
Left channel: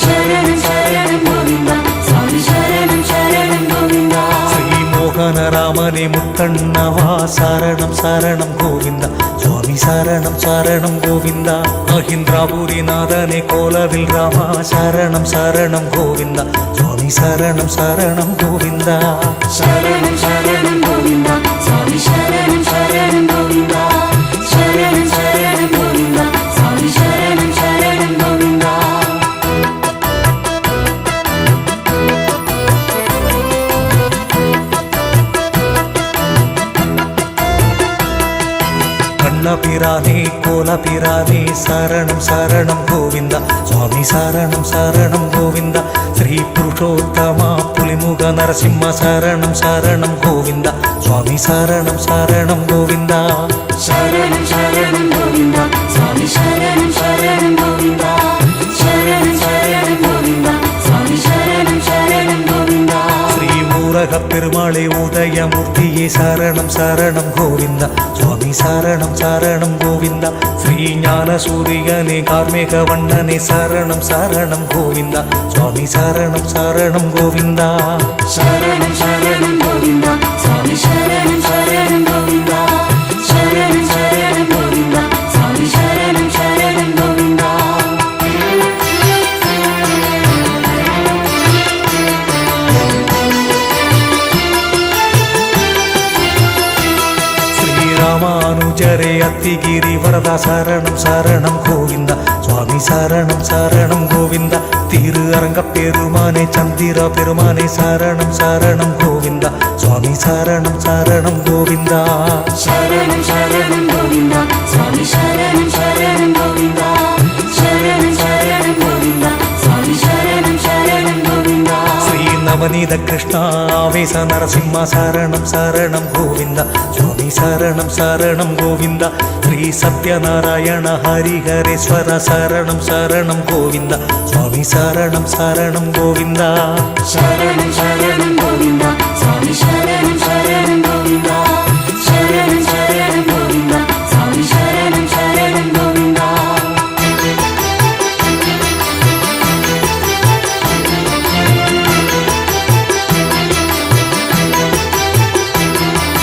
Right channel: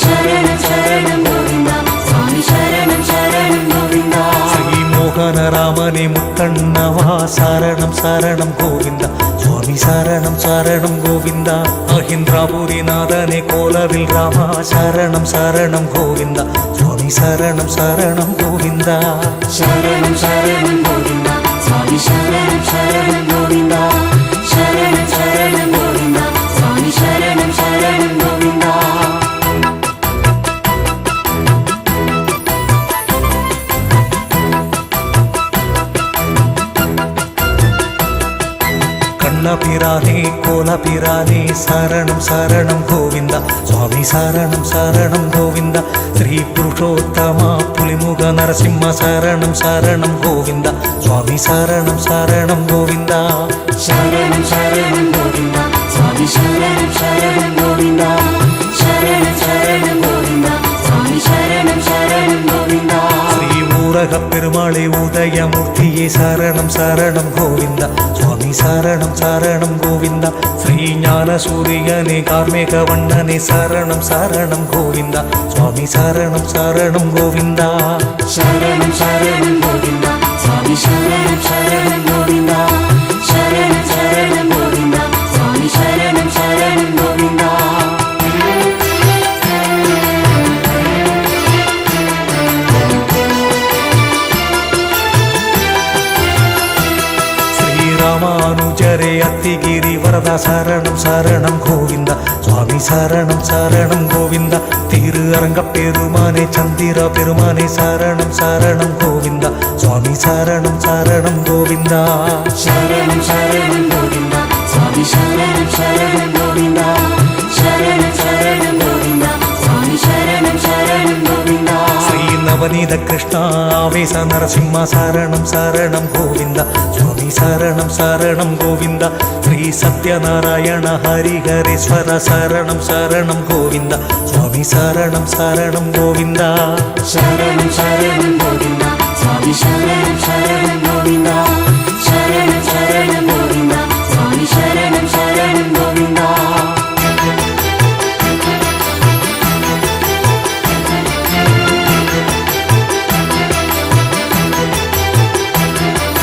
சரணம் சரணம் கோவிந்தா சுவாமி சரணம் சரணம் கோவிந்தா ஸ்ரீ மோகன ராமனே முத்தண்ணவா சரணம் சரணம் கோவிந்தா சுவாமி சரணம் சரணம் கோவிந்தா அஹிந்திராபுரிநாதனே கோலவில் ராமா சரணம் சரணம் கோவிந்தா சுவாமி சரணம் சரணம் கோவிந்தா சரணம் சரணம் கோவிந்தா சுவாமி சரணம் சரணம் கோவிந்தா சரணம் சரணம் கோவிந்தா சுவாமி சரணம் சரணம் கோவிந்தா கண்ணபிரானே கோலபிரானே சரணம் சரணம் கோவிந்தா சுவாமி சரணம் சரணம் கோவிந்தா ஸ்ரீ புருஷோத்தமா புலிமுக நரசிம்ம சரணம் சரணம் கோவிந்தா சுவாமி சரணம் சரணம் கோவிந்தா சரணம் சரணம் கோவிந்தா சுவாமி சரணம் சரணம் கோவிந்தா சரணம் சரணம் கோவிந்தா சுவாமி சரணம் சரணம் கோவிந்தா ஸ்ரீ ஊரக பெருமாளே உதயமூர்த்தியே சரணம் சரணம் கோவிந்தா சுவாமி சரணம் சரணம் கோவிந்தா ஸ்ரீ ஞான சூரியனே கார்மேக வண்ணனே சரணம் சரணம் கோவிந்தா சுவாமி சரணம் சரணம் கோவிந்தா சரணம் சரணம் கோவிந்தா சுவாமி சரணம் சரணம் கோவிந்தா சரணம் சரணம் கோவிந்தா சுவாமி சரணம் சரணம் கோவிந்தா ஸ்ரீராமானுஜரே அத்திகிரி வரதா சரணம் சரணம் கோவிந்தா சுவாமி சரணம் சரணம் கோவிந்தா திரு அரங்க பெருமானே சந்திர பெருமானே சரணம் சரணம் கோவிந்தா சுவாமி சரணம் சரணம் கோவிந்தா சரணம் சரணம் கோவிந்தா சுவாமி சரணம் சரணம் கோவிந்தா சரணம் சரணம் கோவிந்தா சுவாமி சரணம் சரணம் கோவிந்தா ஸ்ரீ நவநீத கிருஷ்ணா ஆவேச நரசிம்ம சரணம் சரணம் கோவிந்தா சுவாமி சரணம் சரணம் கோவிந்தா ஸ்ரீ சத்யநாராயண ஹரிஹரேஸ்வர சரணம் சரணம் கோவிந்தா சுவாமி சரணம் சரணம் கோவிந்தா சரணம் சரணம் கோவிந்தா சுவாமி சரணம் சரணம் கோவிந்தா சரணம் சரணம் கோவிந்தா சுவாமி சரணம் சரணம் கோவிந்தா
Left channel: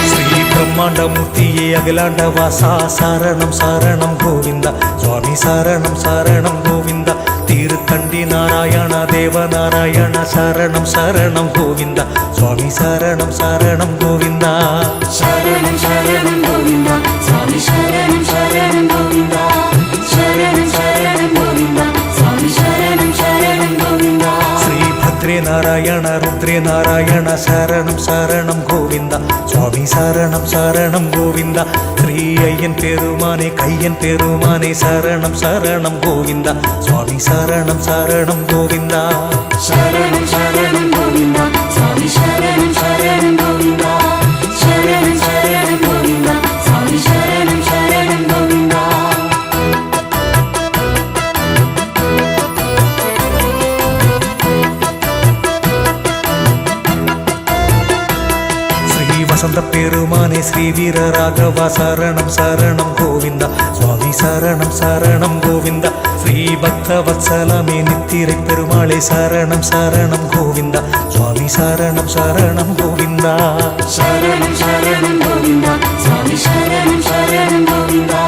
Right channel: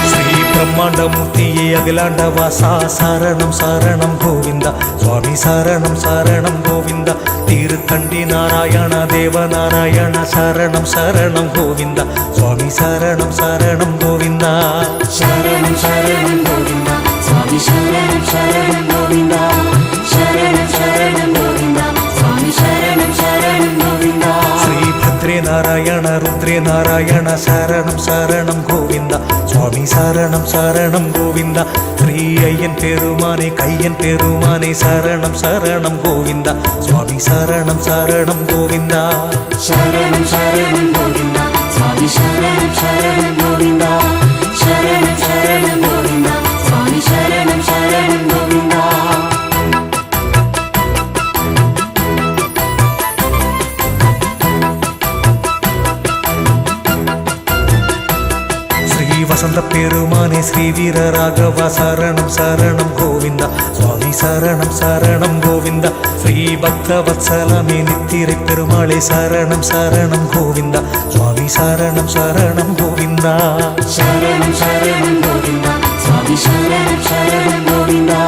ஸ்ரீ பிரம்மாண்டமூர்த்தியே அகிலாண்ட வாசா சரணம் சரணம் கோவிந்தா சுவாமி சரணம் சரணம் கோவிந்தா திருத்தண்டி நாராயண தேவநாராயண சரணம் சரணம் கோவிந்தா சுவாமி சரணம் சரணம் கோவிந்தா சரணம் சரணம் கோவிந்தா சுவாமி சரணம் சரணம் கோவிந்தா சரணம் சரணம் கோவிந்தா சுவாமி சரணம் சரணம் கோவிந்தா ஸ்ரீ பத்ரே நாராயண ருத்ரே நாராயண சரணம் சரணம் கோவிந்தா சுவாமி சரணம் சரணம் கோவிந்தா ஸ்ரீ ஐயன் பெருமானே கையன் பெருமானே சரணம் சரணம் கோவிந்தா சுவாமி சரணம் சரணம் கோவிந்தா சரணம் சரணம் கோவிந்தா சுவாமி சரணம் சரணம் கோவிந்தா சரணம் சரணம் கோவிந்தா சுவாமி சரணம் சரணம் கோவிந்தா ஸ்ரீ வசந்த பெருமானே ஸ்ரீ வீர ராகவா சரணம் சரணம் கோவிந்தா சுவாமி சரணம் சரணம் கோவிந்தா ஸ்ரீ பக்த வத்சலமே நித்திரை பெருமாளே சரணம் சரணம் கோவிந்தா சுவாமி சரணம் சரணம் கோவிந்தா சரணம் சரணம் கோவிந்தா சுவாமி சரணம் சரணம் கோவிந்தா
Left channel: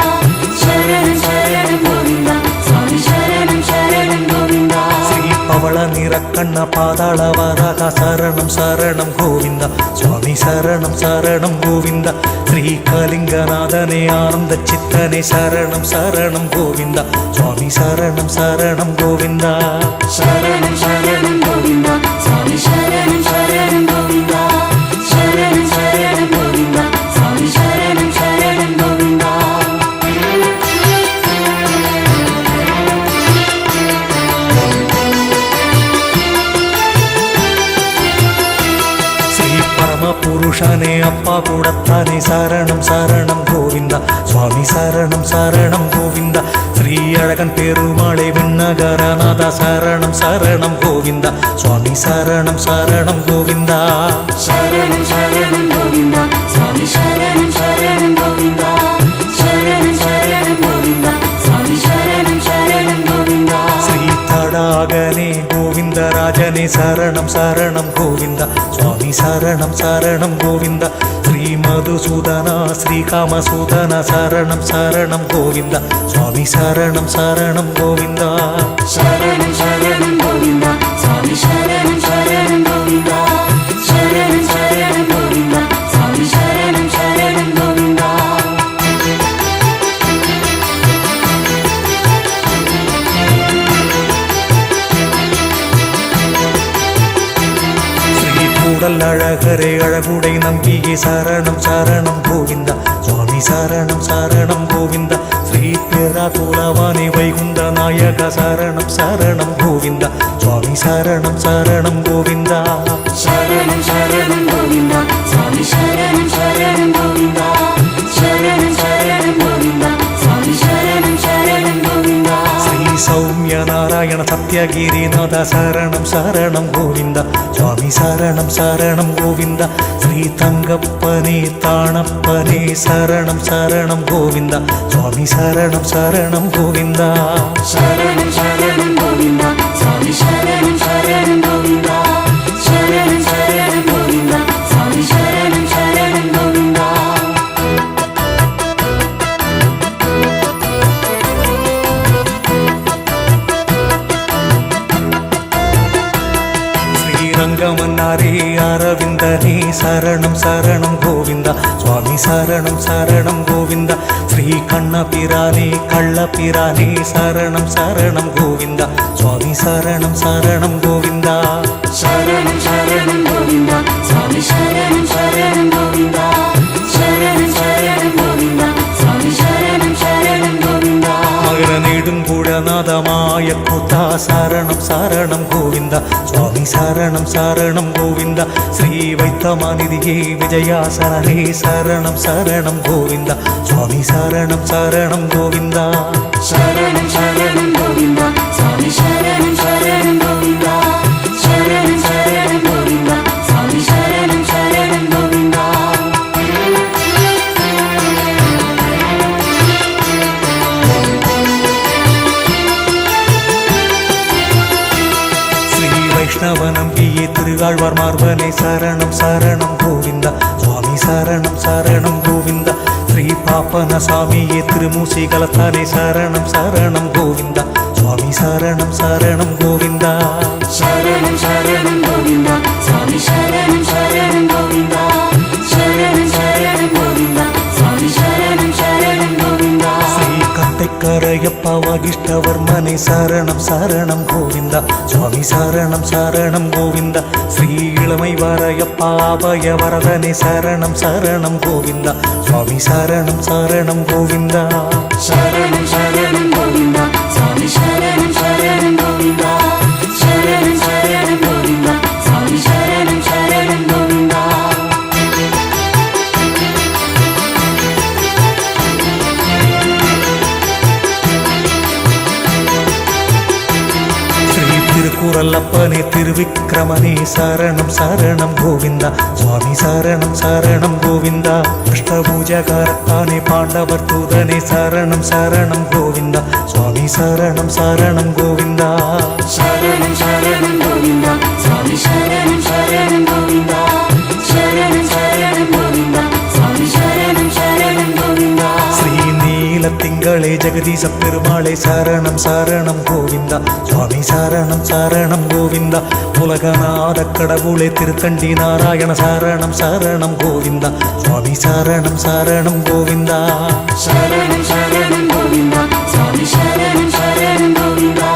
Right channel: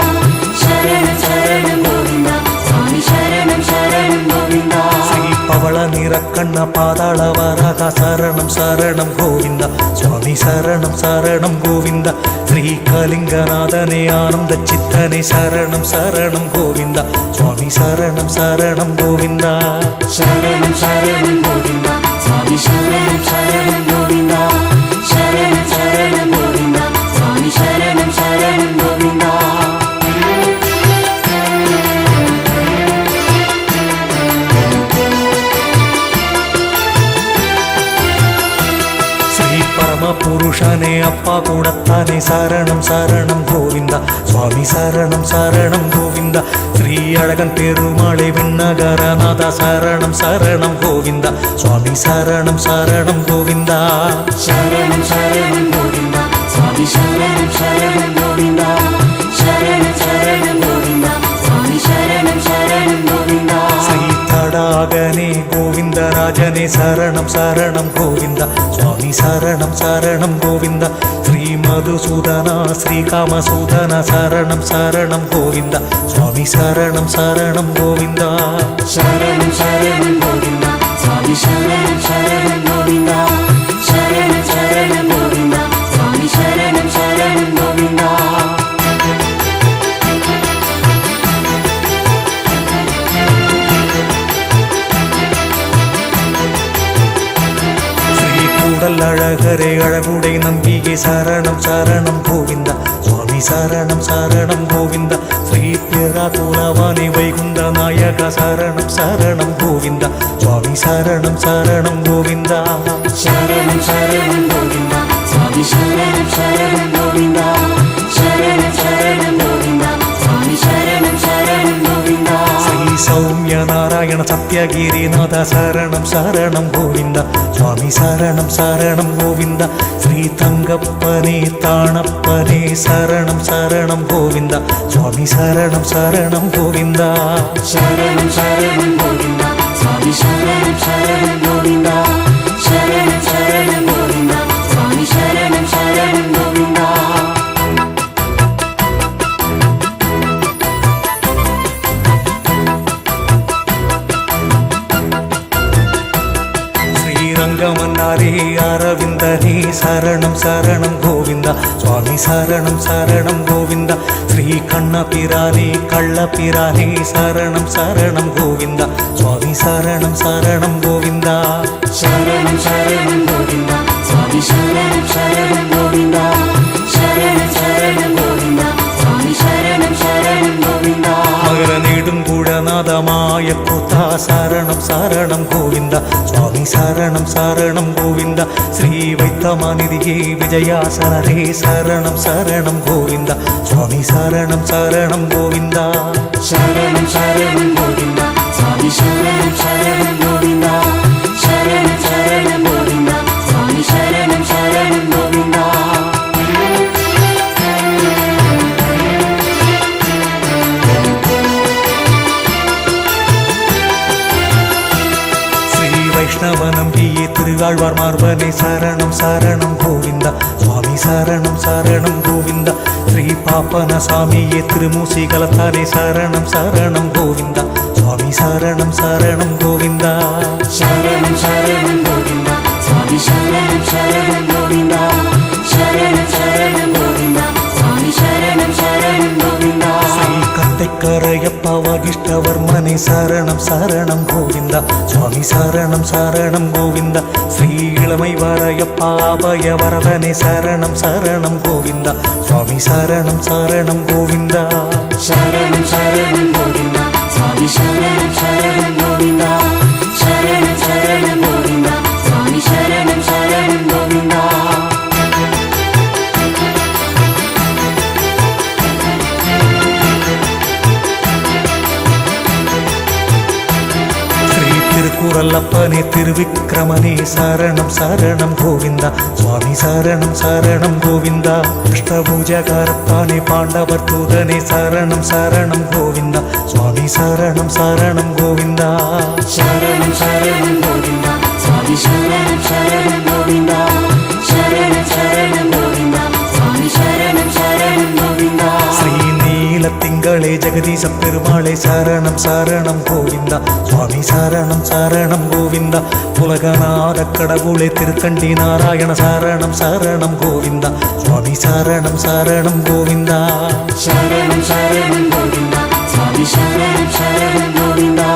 சரணம் சரணம் கோவிந்தா சுவாமி சரணம் சரணம் கோவிந்தா ஸ்ரீ பவள நிறக்கண்ண பாதாள வராக சரணம் சரணம் கோவிந்தா சுவாமி சரணம் சரணம் கோவிந்தா ஸ்ரீ கலிங்கநாதனே ஆனந்த சித்தனே சரணம் சரணம் கோவிந்தா சுவாமி சரணம் சரணம் கோவிந்தா சரணம் சரணம் கோவிந்தா சுவாமி சரணம் சரணம் கோவிந்தா சரணம் சரணம் கோவிந்தா சுவாமி சரணம் சரணம் கோவிந்தா புருஷனே அப்பா கூடத்தானே சரணம் சரணம் கோவிந்தா சுவாமி சரணம் சரணம் கோவிந்தா ஸ்ரீ அழகன் பெருமாளே விண்ணகரநாதா சரணம் சரணம் கோவிந்தா சுவாமி சரணம் சரணம் கோவிந்தா சரணம் சரணம் கோவிந்தா சுவாமி சரணம் சரணம் கோவிந்தா சரணம் சரணம் கோவிந்தா சுவாமி சரணம் சரணம் கோவிந்தா ஸ்ரீ தடாகனே கோவிந்தராஜனே சரணம் சரணம் கோவிந்தா சுவாமி சரணம் சரணம் கோவிந்தா ஸ்ரீ மதுசூதனா ஸ்ரீ காமசூதனா சரணம் சரணம் கோவிந்தா சுவாமி சரணம் சரணம் கோவிந்தா சரணம் சரணம் கோவிந்தா சுவாமி சரணம் சரணம் கோவிந்தா சரணம் சரணம் கோவிந்தா சுவாமி சரணம் சரணம் கோவிந்தா ஸ்ரீ கூடல் அழகரே அழகுடை நம்பியே சரணம் சரணம் கோவிந்தா சுவாமி சரணம் சரணம் கோவிந்தா ஸ்ரீ பிறா குலவானே வைகுந்த நாயக சரணம் சரணம் கோவிந்தா சுவாமி சரணம் சரணம் கோவிந்தா சரணம் சரணம் கோவிந்தா சுவாமி சரணம் சரணம் கோவிந்தா சரணம் சரணம் கோவிந்தா சுவாமி சரணம் சரணம் கோவிந்தா ஸ்ரீ சௌமிய நாராயண சத்யகிரிநாத சரணம் சரணம் கோவிந்தா சுவாமி சரணம் சரணம் கோவிந்தா ஸ்ரீ தங்கப்பனே தாணப்பனே சரணம் சரணம் கோவிந்தா சுவாமி சரணம் சரணம் கோவிந்தா சரணம் சரணம் கோவிந்தா சுவாமி சரணம் சரணம் கோவிந்தா சரணம் சரணம் கோவிந்தா சுவாமி சரணம் சரணம் கோவிந்தா ஸ்ரீரங்கமன்னாரே அரவிந்தனே சரணம் சரணம் கோவிந்தா சுவாமி சரணம் சரணம் கோவிந்தா ஸ்ரீ கண்ணபிரானே கள்ளபிரானே சரணம் சரணம் கோவிந்தா சுவாமி சரணம் சரணம் கோவிந்தா சரணம் சரணம் கோவிந்தா சுவாமி சரணம் சரணம் கோவிந்தா சரணம் சரணம் கோவிந்தா சுவாமி சரணம் சரணம் கோவிந்தா மகர நெடுங்குடநாதமாய கூத்தா சரணம் சரணம் கோவிந்தா சுவாமி சரணம் சரணம் கோவிந்தா ஸ்ரீ வைத்தமாநிதியே விஜயாசனரே சரணம் சரணம் கோவிந்தா சுவாமி சரணம் சரணம் கோவிந்தா சரணம் சரணம் கோவிந்தா சுவாமி சரணம் சரணம் கோவிந்தா சரணம் சரணம் கோவிந்தா சுவாமி சரணம் சரணம் கோவிந்தா ஸ்ரீ வைஷ்ணவ நம்பியே திருவாழ்வார் மார்பனே சரணம் சரணம் கோவிந்தா சுவாமி சரணம் சரணம் கோவிந்தா ஸ்ரீ பாப்பன சாமியே திருமூசி கலத்தானே சரணம் சரணம் கோவிந்தா சுவாமி சரணம் சரணம் கோவிந்தா சரணம் சரணம் கோவிந்தா சுவாமி சரணம் சரணம் கோவிந்தா சரணம் சரணம் கோவிந்தா சுவாமி சரணம் சரணம் கோவிந்தா ஸ்ரீ கட்டைக்கரையப்பா வாகிஷ்டவர்மனே சரணம் சரணம் கோவிந்தா சுவாமி சரணம் சரணம் கோவிந்தா ஸ்ரீ இளமை வாரையப்பா அபய வரதனே சரணம் சரணம் கோவிந்தா சுவாமி சரணம் சரணம் கோவிந்தா சரணம் சரணம் கோவிந்தா சுவாமி சரணம் சரணம் கோவிந்தா சரணம் சரணம் கோவிந்தா சுவாமி சரணம் சரணம் கோவிந்தா ஸ்ரீ திருக்குறளப்பனே திருவிக்கிரமனே சரணம் சரணம் கோவிந்தா சுவாமி சரணம் சரணம் கோவிந்தா அஷ்டபூஜகாரத்தானே பாண்டவர் தூதனே சரணம் சரணம் கோவிந்தா சுவாமி சரணம் சரணம் கோவிந்தா சரணம் சரணம் கோவிந்தா சுவாமி சரணம் சரணம் கோவிந்தா சரணம் சரணம் கோவிந்தா சுவாமி சரணம் சரணம் கோவிந்தா ஸ்ரீ நீலத்திங்களே ஜெகதீச பெருமாளே சரணம் சரணம் கோவிந்தா சுவாமி சரணம் சரணம் கோவிந்தா உலகநாத கடவுளே திருத்தண்டி நாராயண சரணம் சரணம் கோவிந்தா சுவாமி சரணம் சரணம் கோவிந்தா சரணம் சரணம் கோவிந்தா சுவாமி சரணம் சரணம் கோவிந்தா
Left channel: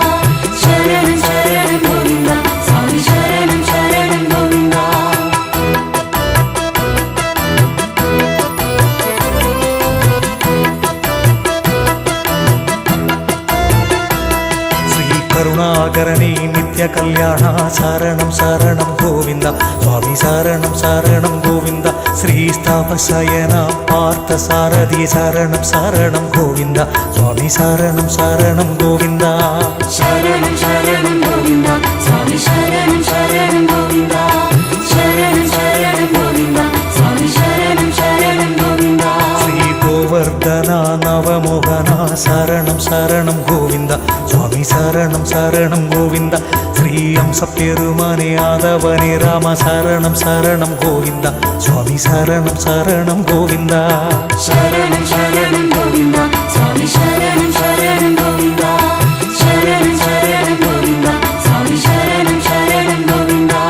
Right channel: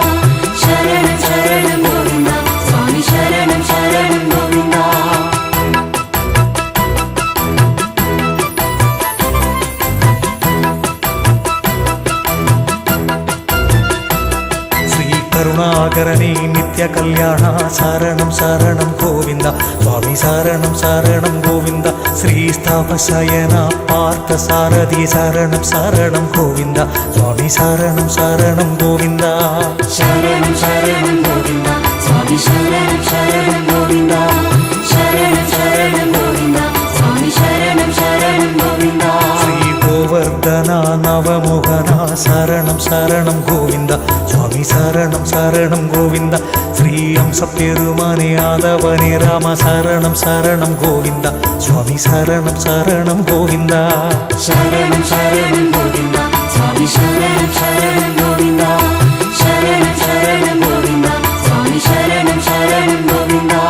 சரணம் சரணம் கோவிந்தா சுவாமி சரணம் சரணம் கோவிந்தா கருணாகரணி நித்ய கல்யாண சரணம் சரணம் கோவிந்த சுவாமி சரணம் சரணம் கோவிந்த ஸ்ரீஸ்தாபசயன பார்த்த சாரதி சரணம் சரணம் கோவிந்த சுவாமி சரணம் சரணம் கோவிந்தா சரணம் சரணம் கோவிந்தா சுவாமி சரணம் சரணம் கோவிந்தா சரணம் சரணம் கோவிந்தா சுவாமி சரணம் சரணம் கோவிந்தா ஸ்ரீ கோவர்தனா நவமோகனா சரணம் சரணம் கோவிந்த சுவாமி சரணம் சரணம் கோவிந்த ஸ்ரீ அம்ச பெருமானே ஆதவனே ராம சரணம் சரணம் கோவிந்த சுவாமி சரணம் சரணம் கோவிந்தா சரணம் சரணம் கோவிந்தா சுவாமி சரணம் சரணம் கோவிந்தா சரணம் சரணம் கோவிந்தா சுவாமி சரணம் சரணம் கோவிந்தா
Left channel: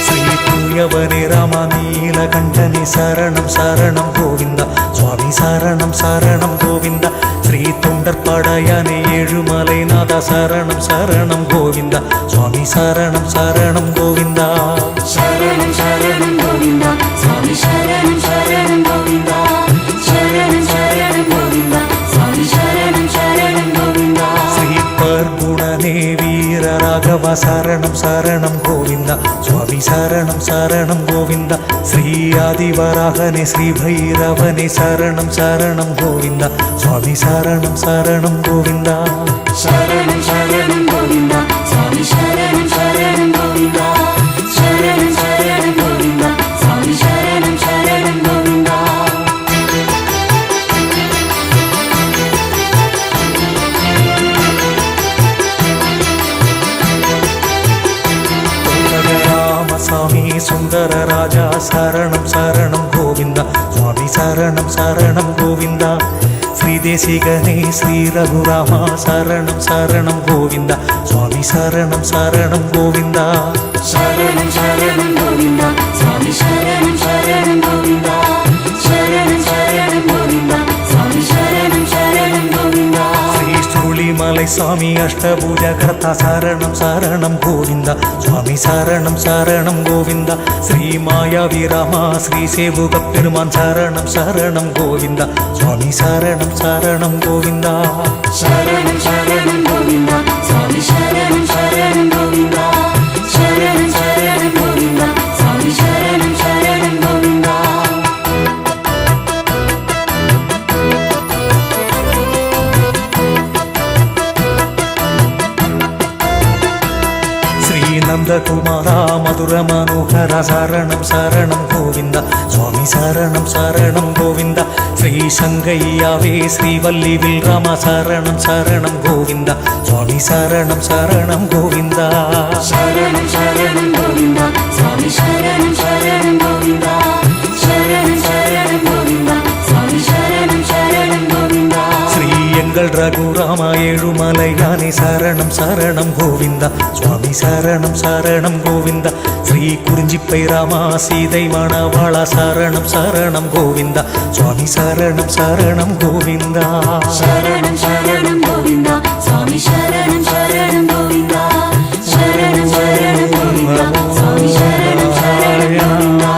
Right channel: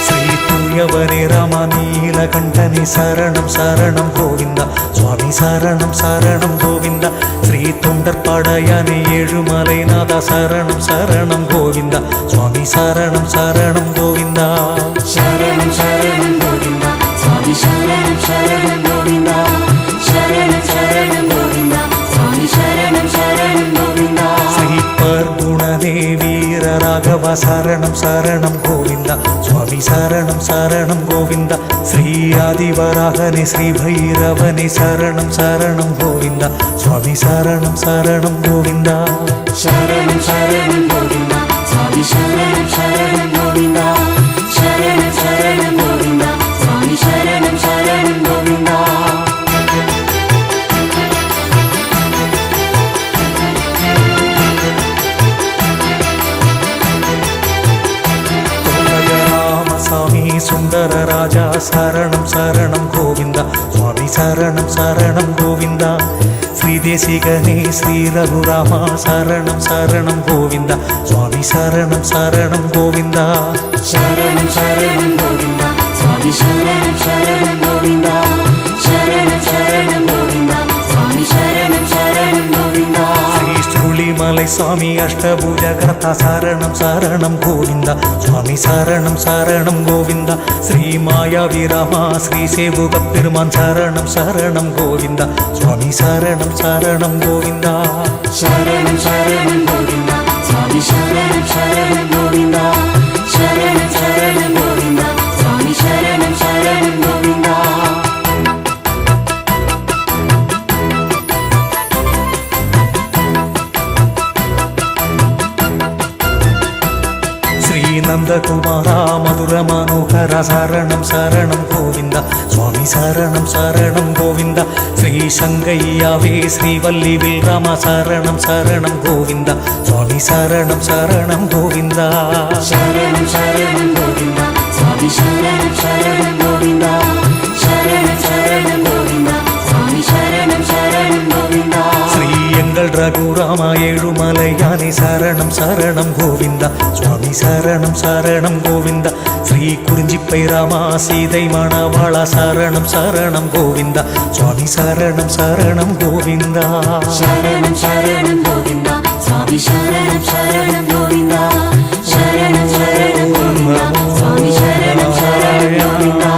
ஸ்ரீ தூயவனே ராம நீலகண்டனே சரணம் சரணம் கோவிந்த சுவாமி சரணம் சரணம் கோவிந்த ஸ்ரீ தொண்டற்படையானே ஏழுமலைநாத சரணம் சரணம் கோவிந்த சுவாமி சரணம் சரணம் கோவிந்தா சரணம் சரணம் கோவிந்தா சுவாமி சரணம் சரணம் கோவிந்தா சரணம் சரணம் கோவிந்தா சுவாமி சரணம் சரணம் கோவிந்தா ஸ்ரீ பர்குணனே வீர ராகவ சரணம் சரணம் கோவிந்த சுவாமி சரணம் சரணம் கோவிந்த ஸ்ரீ ஆதிவராகனே ஸ்ரீ பைரவனே சரணம் சரணம் கோவிந்த சுவாமி சரணம் சரணம் கோவிந்தா சரணம் சரணம் கோவிந்தா சுவாமி சரணம் சரணம் கோவிந்தா சரணம் சரணம் கோவிந்தா சுவாமி சரணம் சரணம் கோவிந்தா ராமசாமி சுந்தர ராஜா சரணம் சரணம் கோவிந்தா சுவாமி சரணம் சரணம் கோவிந்தா ஸ்ரீ தேசிகனே ஸ்ரீ ரகுராமா சரணம் சரணம் கோவிந்தா சுவாமி சரணம் சரணம் கோவிந்தா சரணம் சரணம் கோவிந்தா சுவாமி சரணம் சரணம் கோவிந்தா சரணம் சரணம் கோவிந்தா சுவாமி சரணம் சரணம் கோவிந்தா ஸ்ரீ சுருளிமலை சுவாமி அஷ்டபூஜ கர்த்தா சரணம் சரணம் கோவிந்தா சுவாமி சரணம் சரணம் கோவிந்தா ஸ்ரீ மாயாவிராமா ஸ்ரீ சேவுக பெருமான் சரணம் சரணம் கோவிந்தா சுவாமி சரணம் சரணம் கோவிந்தா சரணம் சரணம் கோவிந்தா சுவாமி சரணம் சரணம் கோவிந்தா சரணம் சரணம் கோவிந்தா சுவாமி சரணம் சரணம் கோவிந்தா ஸ்ரீ நந்தகுமாரா மதுர மனோகர சரணம் சரணம் கோவிந்தா சுவாமி சரணம் சரணம் கோவிந்தா ஸ்ரீ சங்கையாவே ஸ்ரீவல்லி வில்ராம சரணம் சரணம் கோவிந்தா சுவாமி சரணம் சரணம் கோவிந்தா சரணம் சரணம் கோவிந்தா சுவாமி சரணம் சரணம் கோவிந்தா சரணம் சரணம் கோவிந்தா சுவாமி சரணம் சரணம் கோவிந்தா ஸ்ரீ எங்கள் ரகுராமா ஏழுமலையானே சரணம் சரணம் கோவிந்தா சுவாமி சரணம் சரணம் கோவிந்தா ஸ்ரீ குறிஞ்சிப்பை ராமா சீதை மணவாளா சரணம் சரணம் கோவிந்தா சுவாமி சரணம் சரணம் கோவிந்தா சரணம் சரணம் கோவிந்தா சுவாமி சரணம் சரணம் கோவிந்தா சரணம் சரணம் கோவிந்தா சுவாமி சரணம் சரணம் கோவிந்தா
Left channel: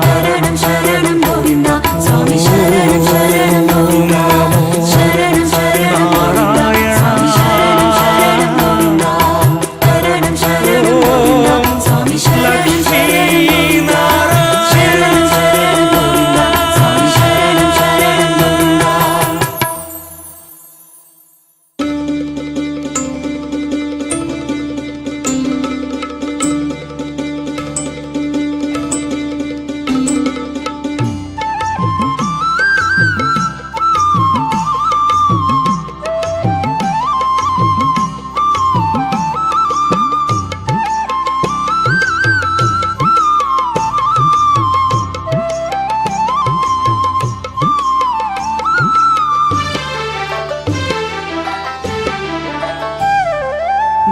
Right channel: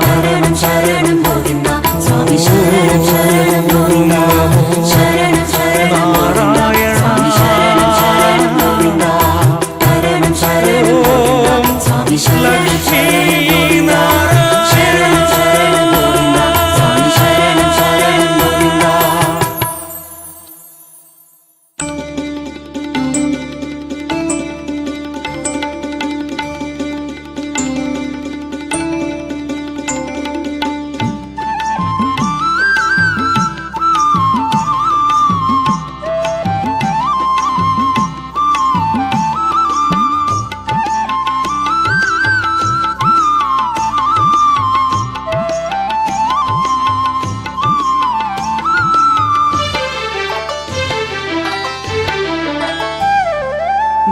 சரணம் சரணம் கோவிந்தா சுவாமி சரணம் சரணம் கோவிந்தா சரணம் சரணம் நாராயணா சரணம் சரணம் கோவிந்தா சுவாமி சரணம் லக்ஷ்மி சரணம் சரணம் கோவிந்தா சுவாமி சரணம் சரணம் கோவிந்தா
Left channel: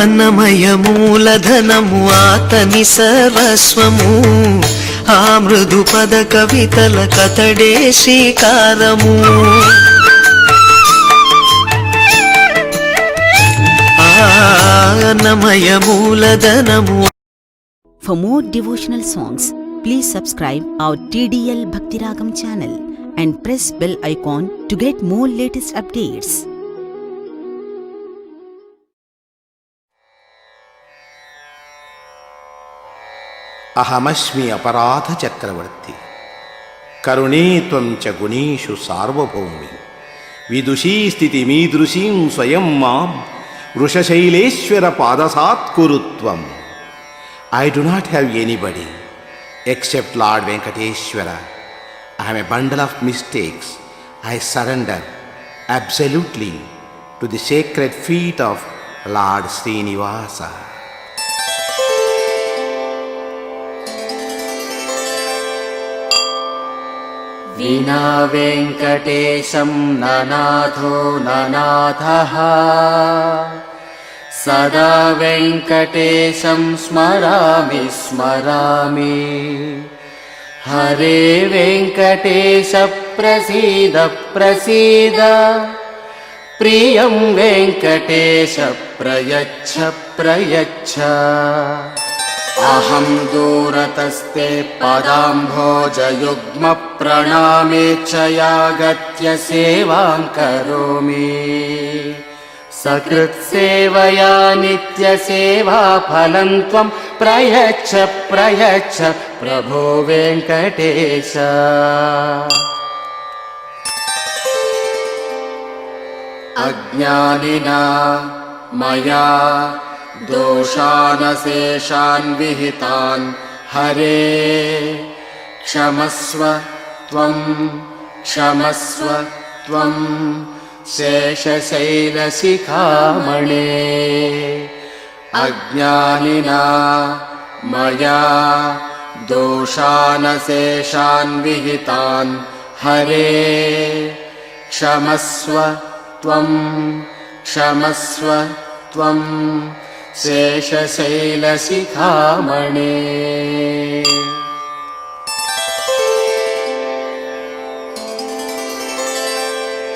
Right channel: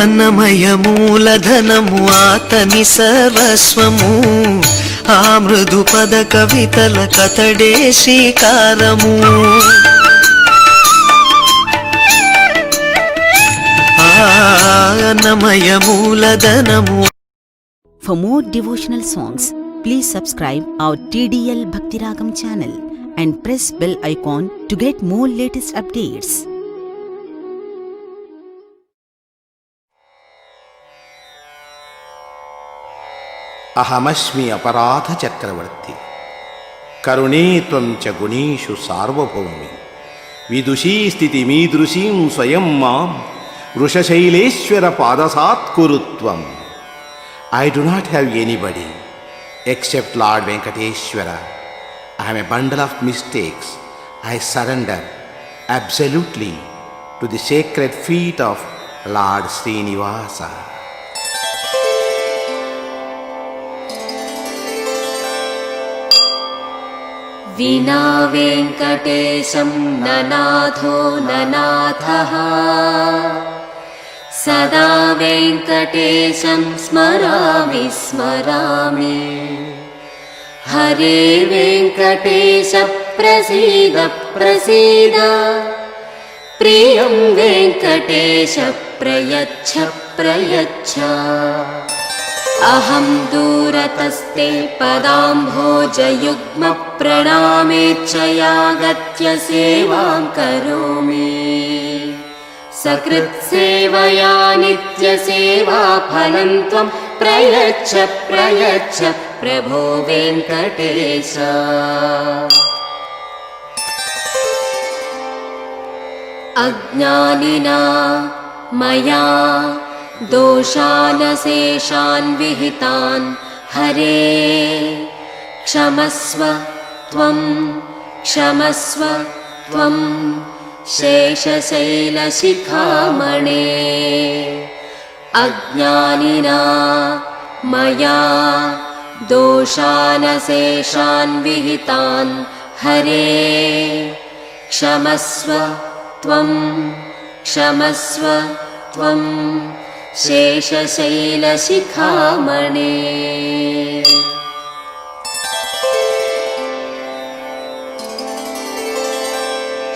అన్నమయ మూలధనము ఆతని సర్వస్వము ఆ మృదు పద కవితల కతడే శ్రీకారము అన్నమయ మూలధనము. For more devotional songs, please subscribe our TDL Bhakti Ragam channel and press bell icon to get more latest updates. అహమస్మి అపరాధ చక్రవర్తి కరుణే త్వం చ గుణేషు సార్వభౌమి విదుషీ స్థితి మీదృశీం స్వయం మాం వృషశైలేశ్వర పాదసాత్కురుత్వం. I do not have anybody except Lord Venkateshwara. I am a bundle of mistakes. I surrender absolutely to the sacred feet of Lord Srinivasa. विना वेङ्कटेशं ननाथो ननाथः सदा वेङ्कटेशं स्मरामि स्मरामि. हरे वेङ्कटेश प्रसीद प्रसीद प्रियं वेङ्कटेश प्रयच्छ प्रयच्छ. अहं दूरतस्ते पदाम्भोजयुग्म प्रणामेच्छयागत्य सेवां करोमि. सकृत्सेवया नित्यसेवा फलं त्वं प्रयच्छ प्रयच्छ प्रभो वेङ्कटेश. अज्ञानिना मया दोषानशेषान् विहितान् हरे क्षमस्व त्वं क्षमस्व त्वं शेषशैलशिखामणे. अज्ञानिना मया दोषानशेषान् विहितान् हरे क्षमस्व त्वं क्षमस्व त्वं शेषशैलशिखामणे.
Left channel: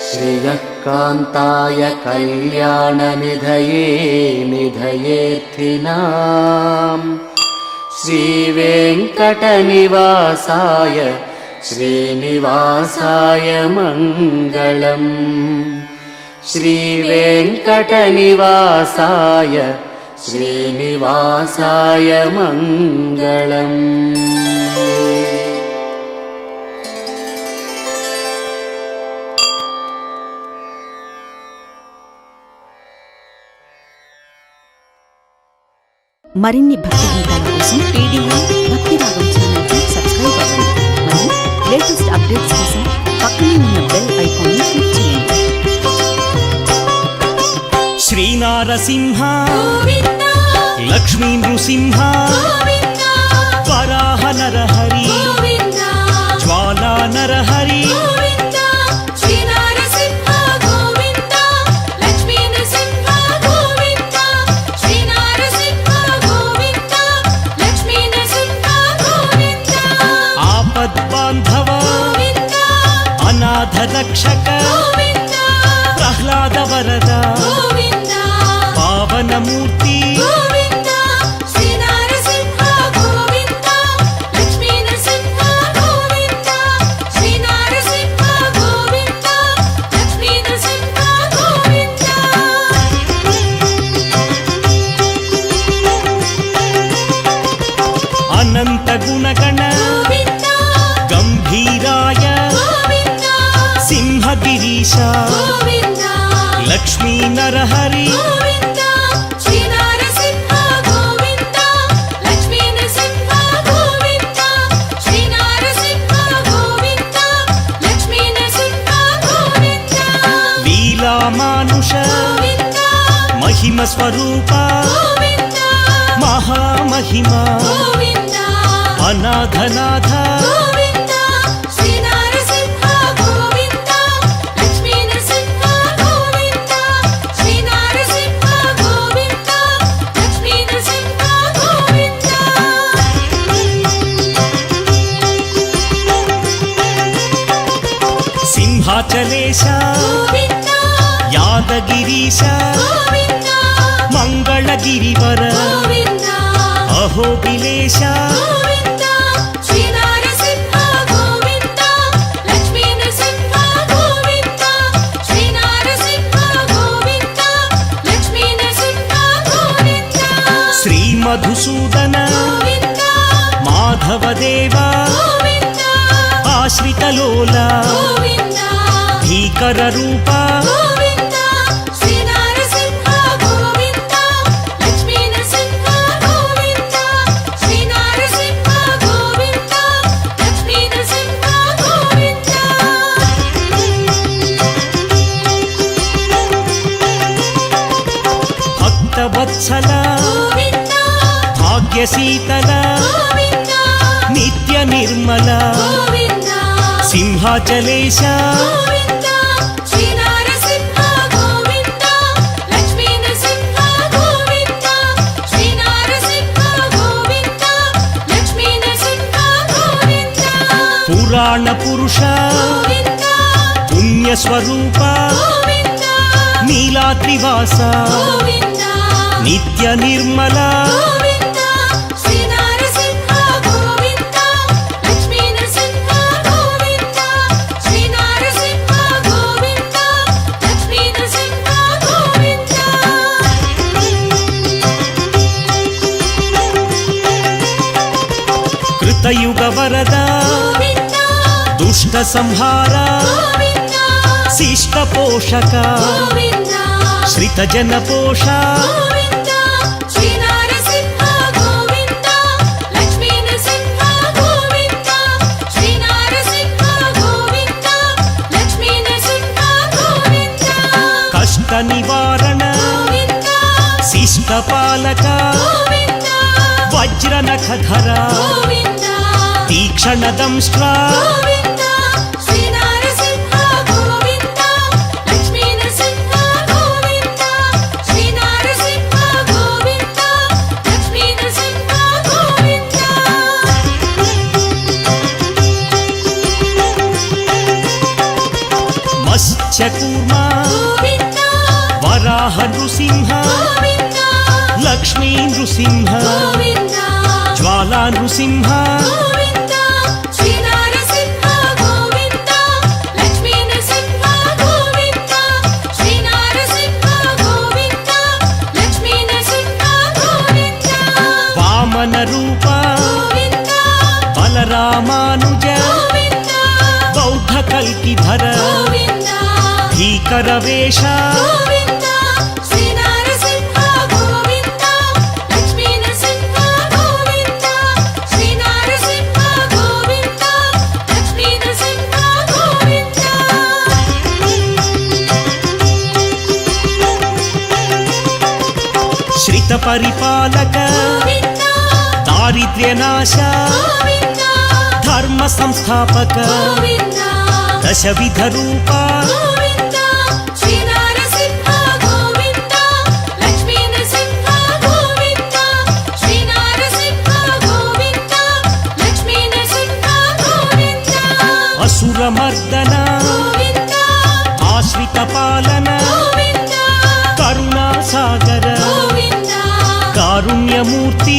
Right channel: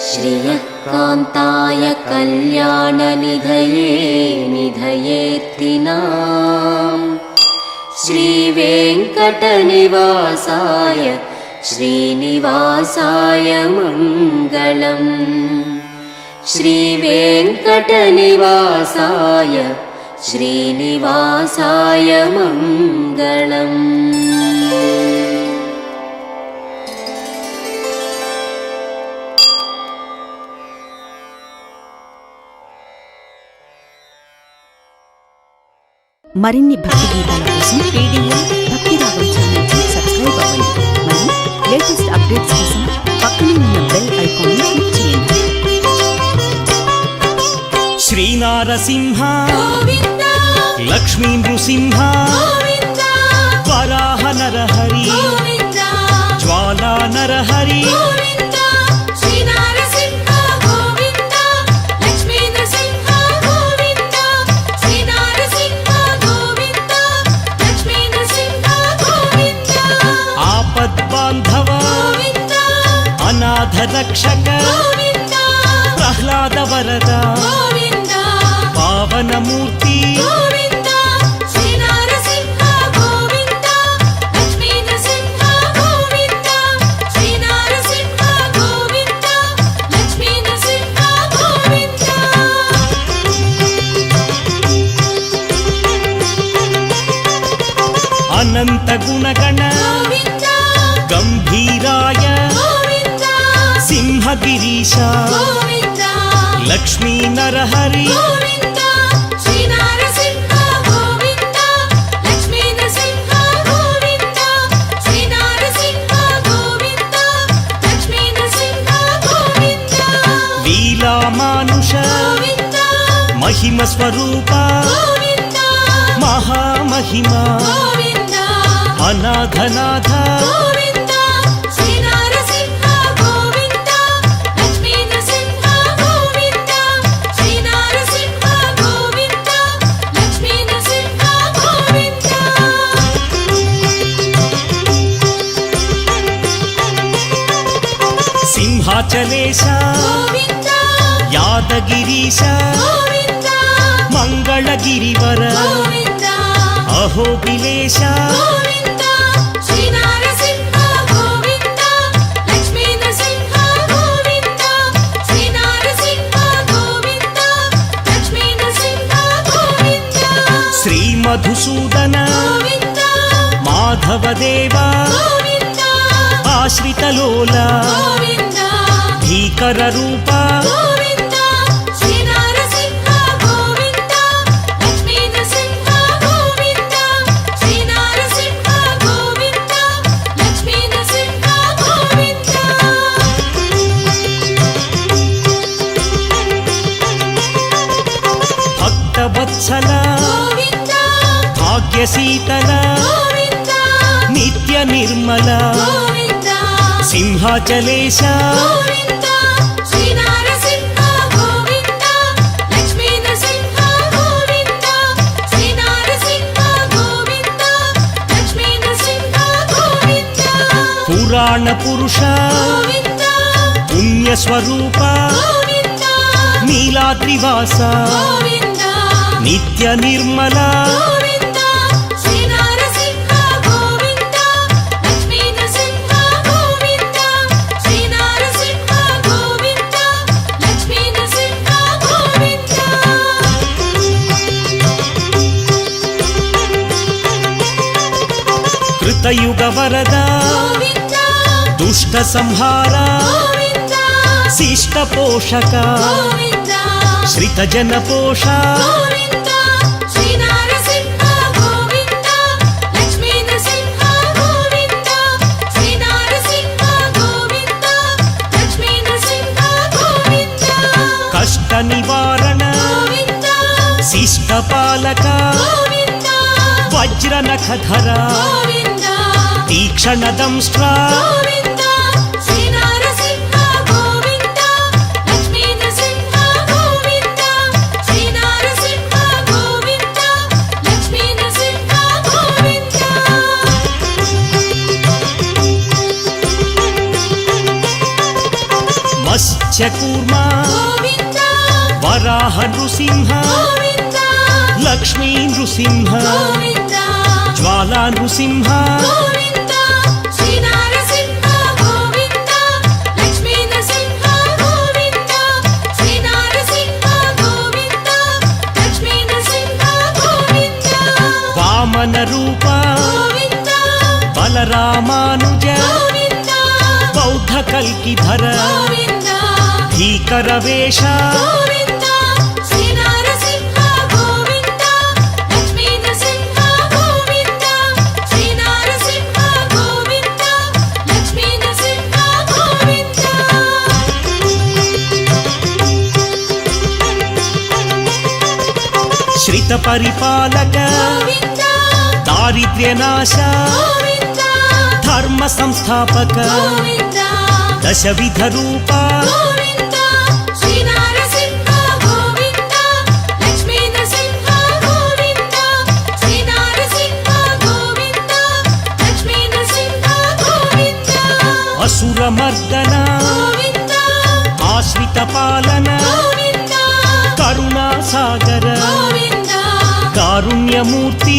श्रियः कान्ताय कल्याणनिधये निधयेऽर्थिनाम् श्रीवेङ्कटनिवासाय श्रीनिवासाय मङ्गलम्. श्रीवेङ्कटनिवासाय श्रीनिवासाय मङ्गलम्. మరిన్ని భక్తి గీతాల కోసం TDL భక్తి రాగం ఛానల్ కి సబ్స్క్రైబ్ అవ్వండి మరియు లేటెస్ట్ అప్డేట్స్ కోసం పక్కనే ఉన్న బెల్ ఐకాన్ ని క్లిక్ చేయండి. శ్రీనారసింహ లక్ష్మీ నృసింహ వరాహ నరహరి జ్వాలా నరహరి ఆపద్బాంధవ అనాథ రక్షక ప్రహ్లాద వరద పావనమూర్తి అనంత గుణగణ గంభీరాయ సింహగిరీశ లక్ష్మీ నరహరి లీలామానుష మహిమ స్వరూప మహామహిమ అనాథనాథ సింహాచలేశ యాదగిరీశ మంగళగిరివర అహోబిలేశ శ్రీ మధుసూదన మాధవదేవ ఆశ్రితలోల భీకర రూప భక్తవత్సల భాగ్యశీతల నిత్య నిర్మల సింహాచలేశ పురాణ పురుష పుణ్యస్వరూప నీలాద్రివాస నిత్య నిర్మల కృతయుగ వరద దుష్ట సంహార శిష్ట పోషక శ్రిత జన పోష కష్ట నివారణ శిష్ట పాలక వజ్ర నఖధర తీక్షణ దంష్ట్ర మత్స్యకూర్మ వరాహ నృసింహ లక్ష్మీ నృసింహ జ్వాలా నృసింహ వామన రూప బలరామానుజ బౌద్ధ కల్కిధర భీకర వేష శ్రిత పరిపాలక దారిద్ర్యనాశ ధర్మ సంస్థాపక దశవిధ రూప అసురమర్దన ఆశ్రిత పాలన కరుణా సాగర కారుణ్యమూర్తి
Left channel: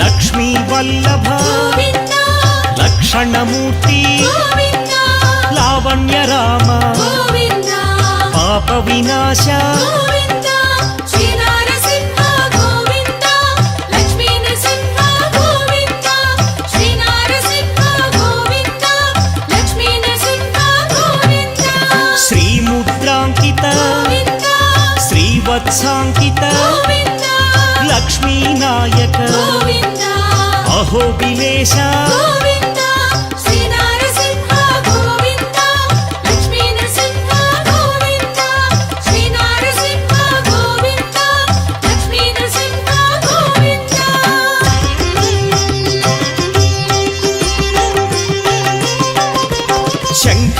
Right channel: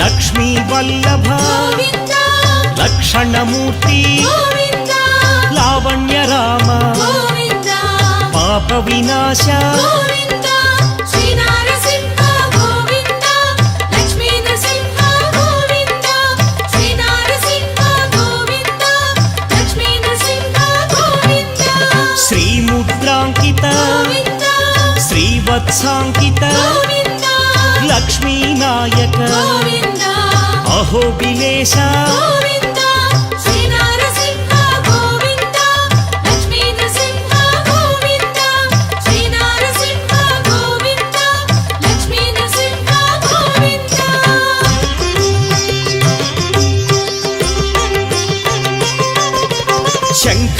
లక్ష్మీ వల్లభ లక్షణమూర్తి లావణ్య రామ పాప వినాశ శ్రీముద్రాంకిత శ్రీవత్సాంకిత లక్ష్మీనాయక అహోబిలేశ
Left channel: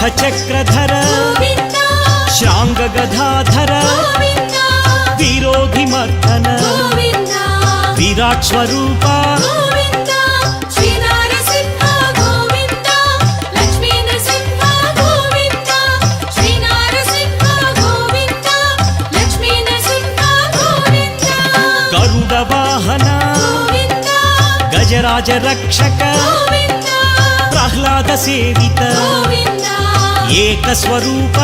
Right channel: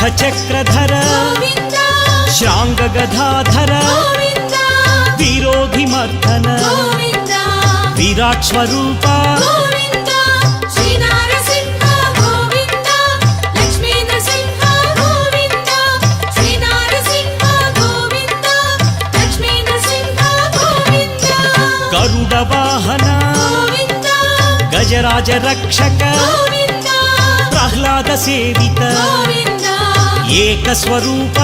శంఖచక్రధర శ్రాంగగదాధర విరోధిమర్దన విరాట్ స్వరూప గరుడ వాహన గజరాజ రక్షక ప్రహ్లాద సేవిత ఏక స్వరూప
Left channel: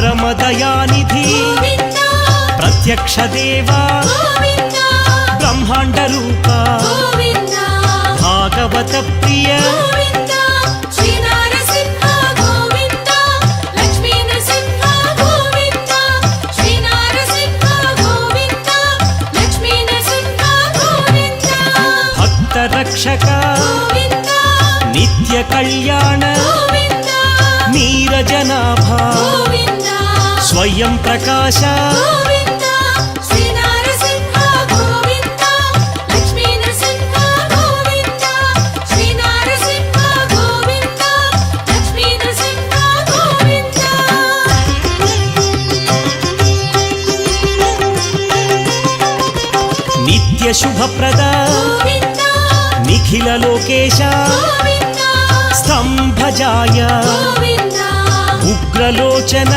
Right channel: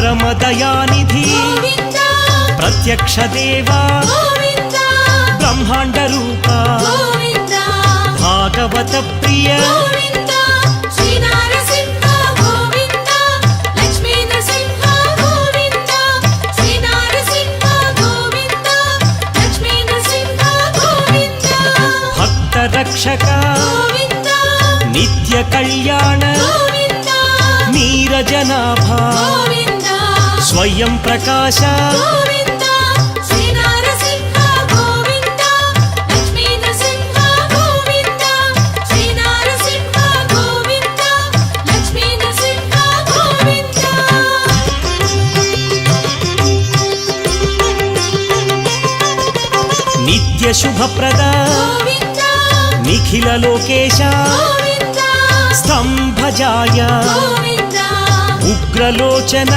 పరమదయానిధి ప్రత్యక్ష దేవా బ్రహ్మాండ రూప భాగవత ప్రియ భక్త రక్షక నిత్య కళ్యాణ నీరజనాభ స్వయం ప్రకాశ నిత్య శుభప్రద నిఖిల లోకేశ స్తంభజాయ ఉగ్రలోచన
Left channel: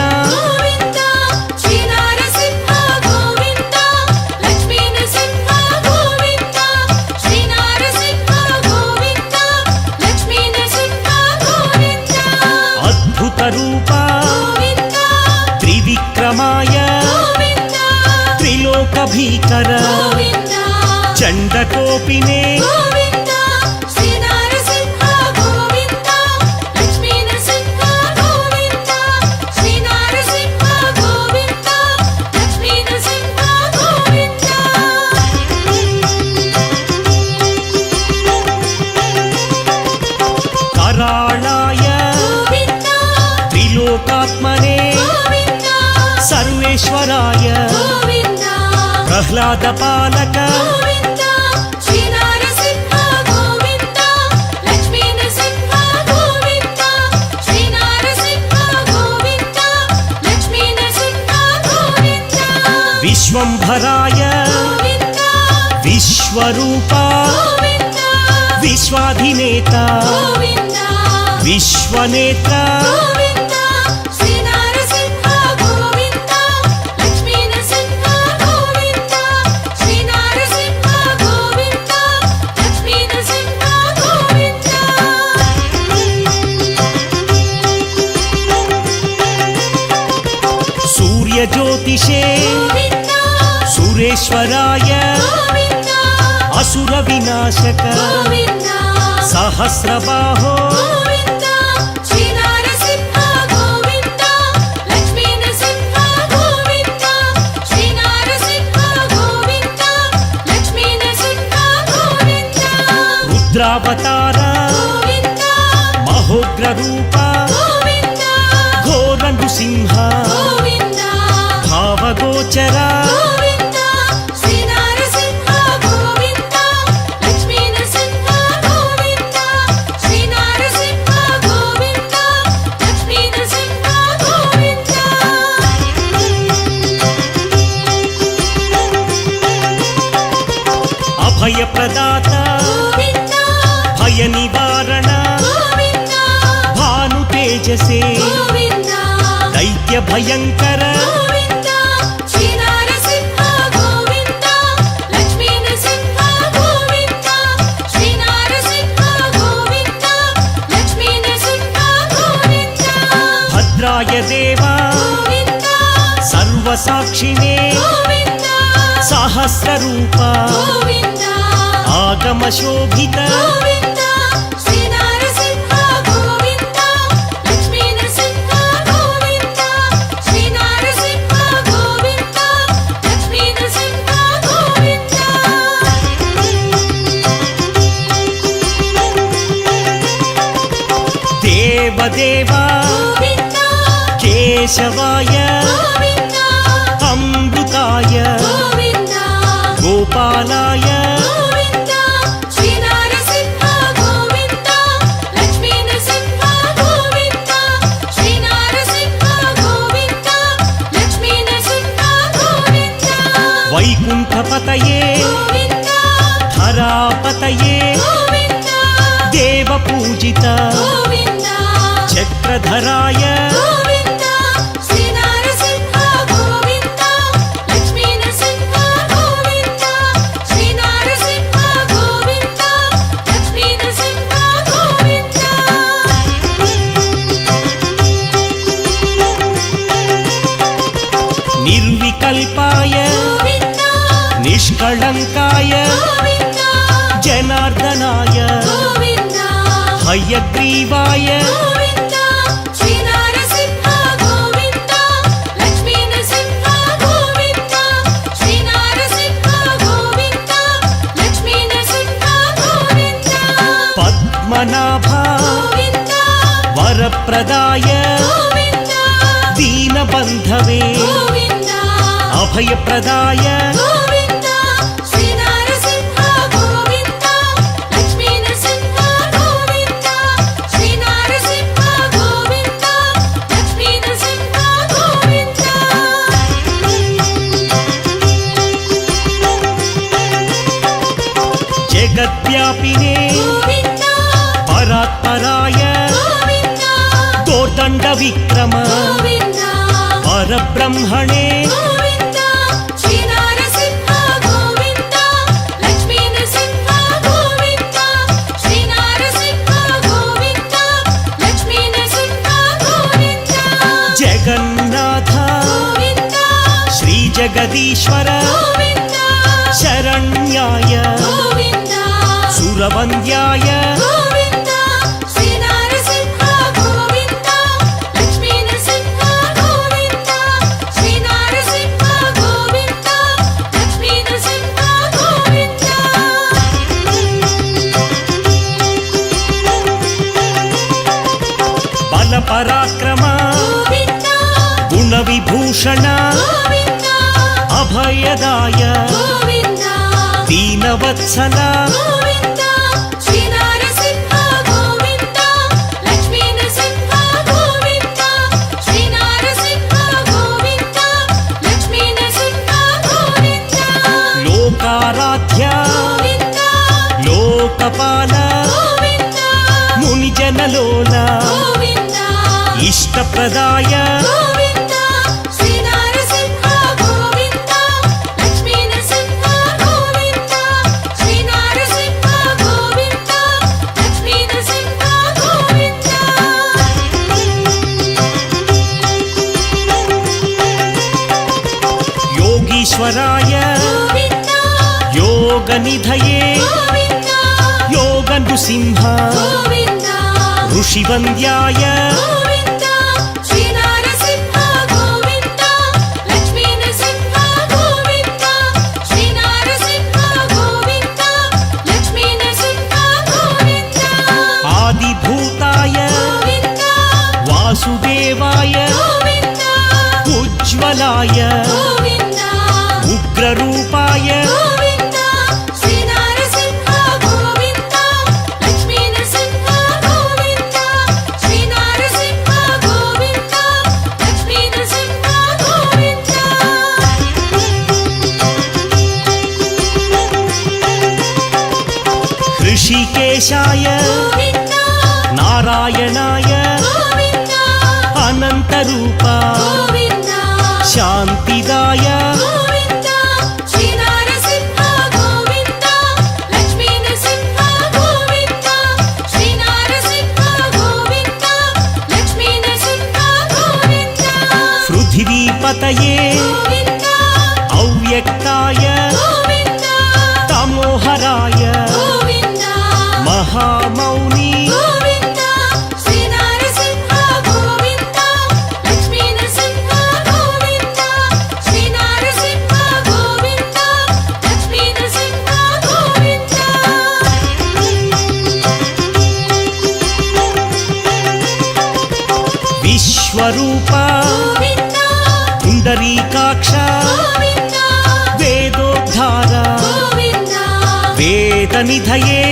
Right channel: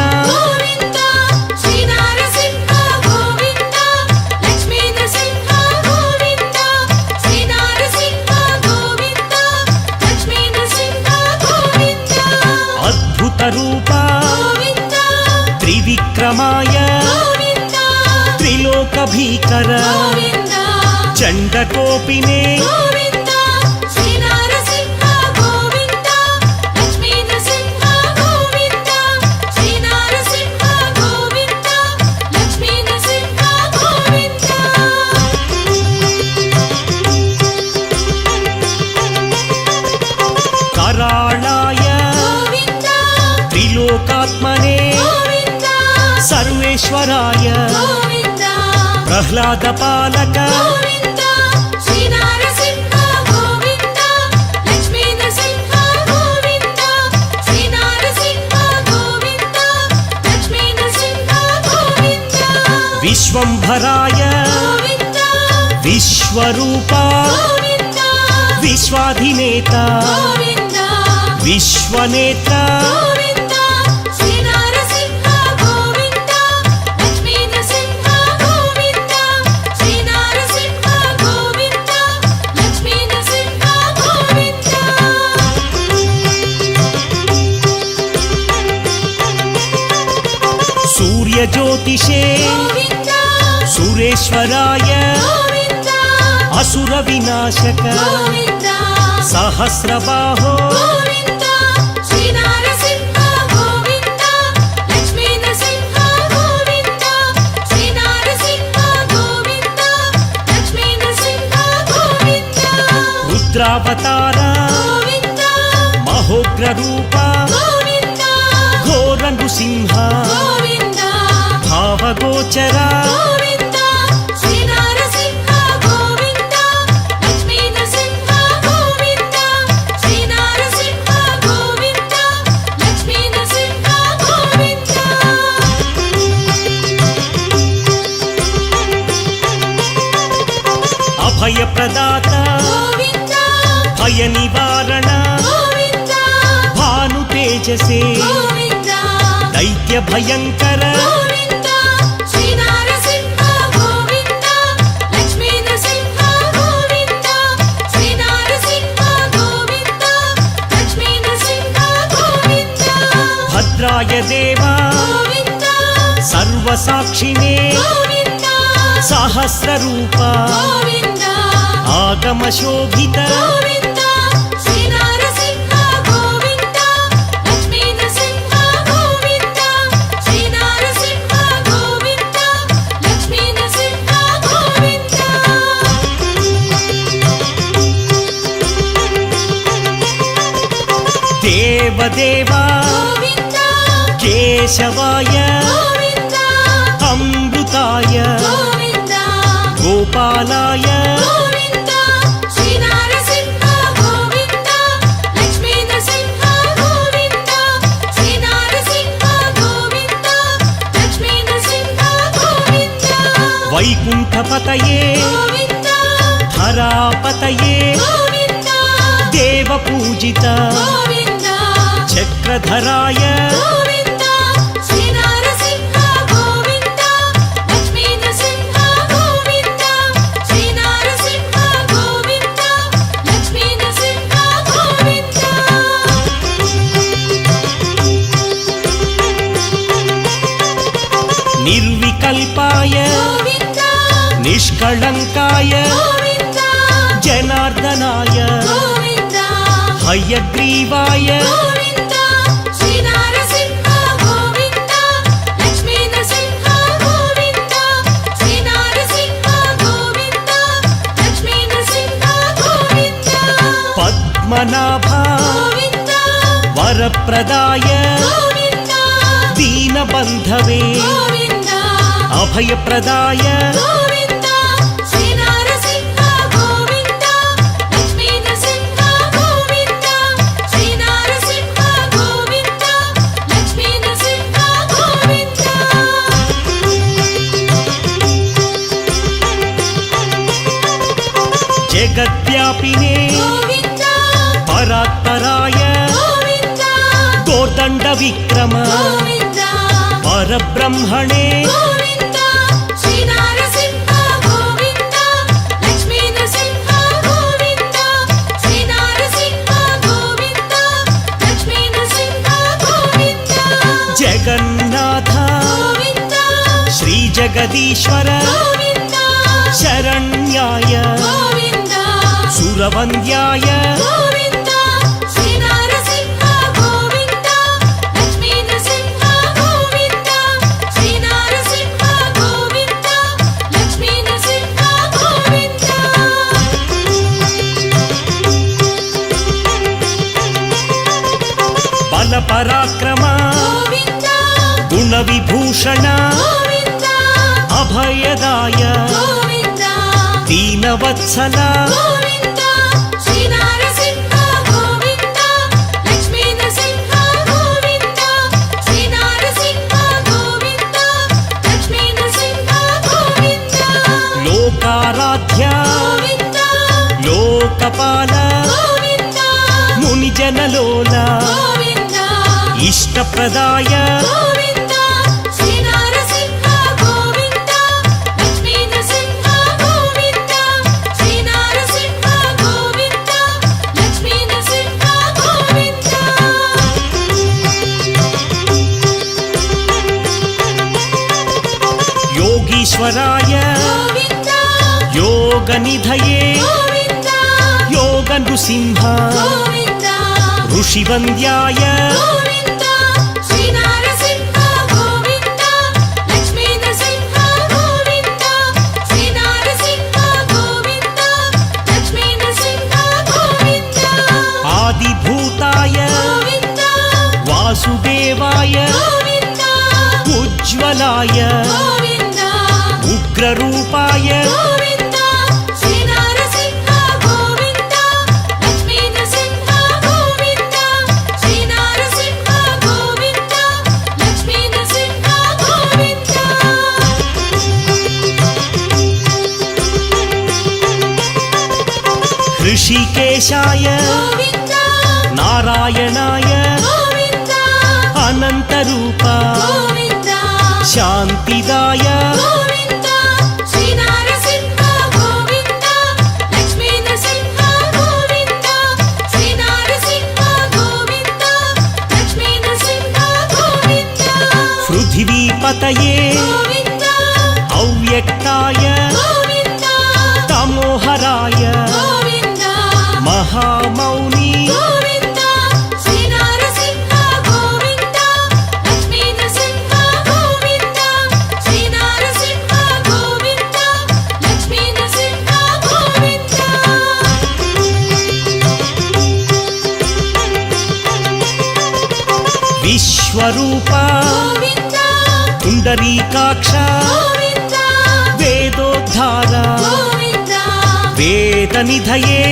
అద్భుత రూప త్రివిక్రమాయ త్రిలోక భీకర చండకోపినే कराळाय त्रिलोकात्मने सर्वेश्वराय प्रह्लाद पालक विश्वंभराय विश्वरूपा विश्वाधिनेता विश्वनेत्र सूर्य ज्योतिषे सुरेश्वराय असुर विनाशक सहस्रबाहो रुद्रावतार महोग्र रूप घोर नृसिंह भावगोचरा अभय प्रदाता भय निवारण भानु तेजसे दैत्य भयंकर भद्राय देवा सर्वसाक्षिणे सहस्र रूपा आगम शोभित దేవదేవా కేశవాయ అమృతాయ గోపాలాయ వైకుంఠపతయే ధరాపతయే దేవపూజిత చక్రధరాయ నిర్వికల్పాయ నిష్కళంకాయ జనార్దనాయ హయగ్రీవాయ పద్మనాభ వరప్రదాయ దీనబంధవే అభయప్రదాయ జగద్వ్యాపినే పరాత్పరాయ దోర్దండ విక్రమ పరబ్రహ్మణే జగన్నాథ శ్రీ జగదీశ్వర శరణ్యాయ సురవంద్యాయ బల పరాక్రమ గుణ విభూషణ అభయదాయ దీనవత్సల లోకారాధ్య లోకపాల మునిజనలోల ఇష్టప్రదాయ యోగీశ్వరాయ యోగనిధయే యోగ నృసింహ ఋషివంద్యాయ ఆదిభూతాయ వాసుదేవాయ ఉజ్వలాయ ఉగ్రరూపాయ ఋషికేశాయ నారాయణాయ అనంతరూప శాంతిదాయ పృథివీపతయే అవ్యక్తాయ తమోహరాయ మహామౌని విశ్వరూప పుండరీకాక్ష వేదోద్ధార వేదనిధయే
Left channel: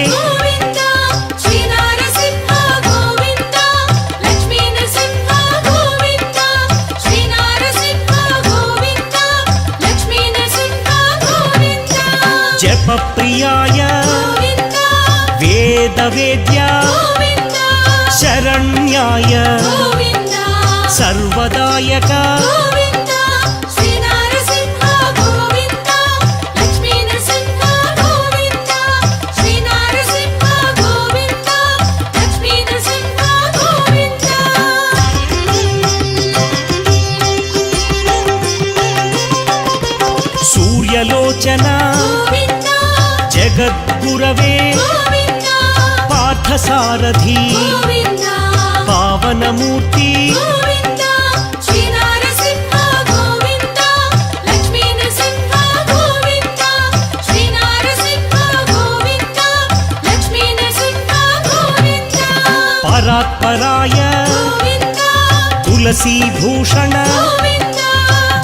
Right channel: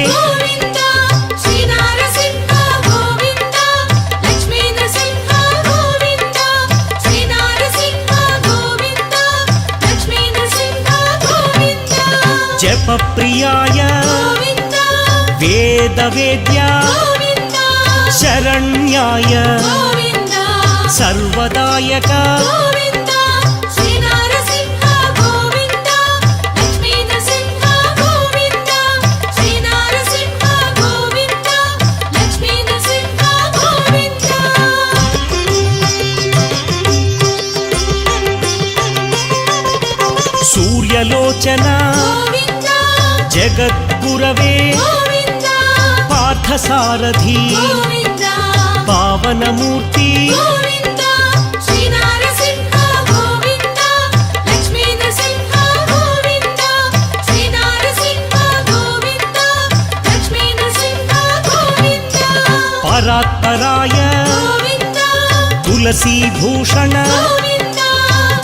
జపప్రియాయ వేదవేద్య శరణ్యాయ సర్వదాయక సూర్యలోచన జగద్గురవే పార్థసారథి పావనమూర్తి పరాత్పరాయ తులసీభూషణ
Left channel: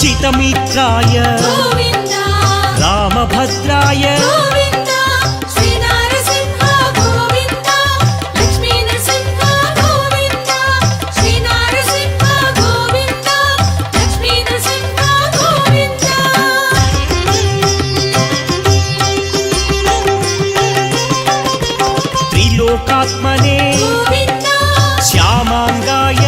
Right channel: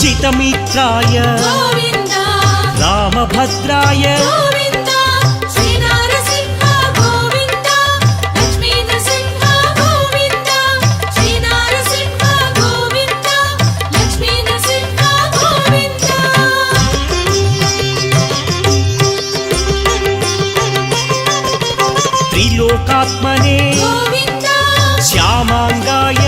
జితమిత్రాయ రామభద్రాయ త్రిలోకాత్మనే శ్యామాంగాయ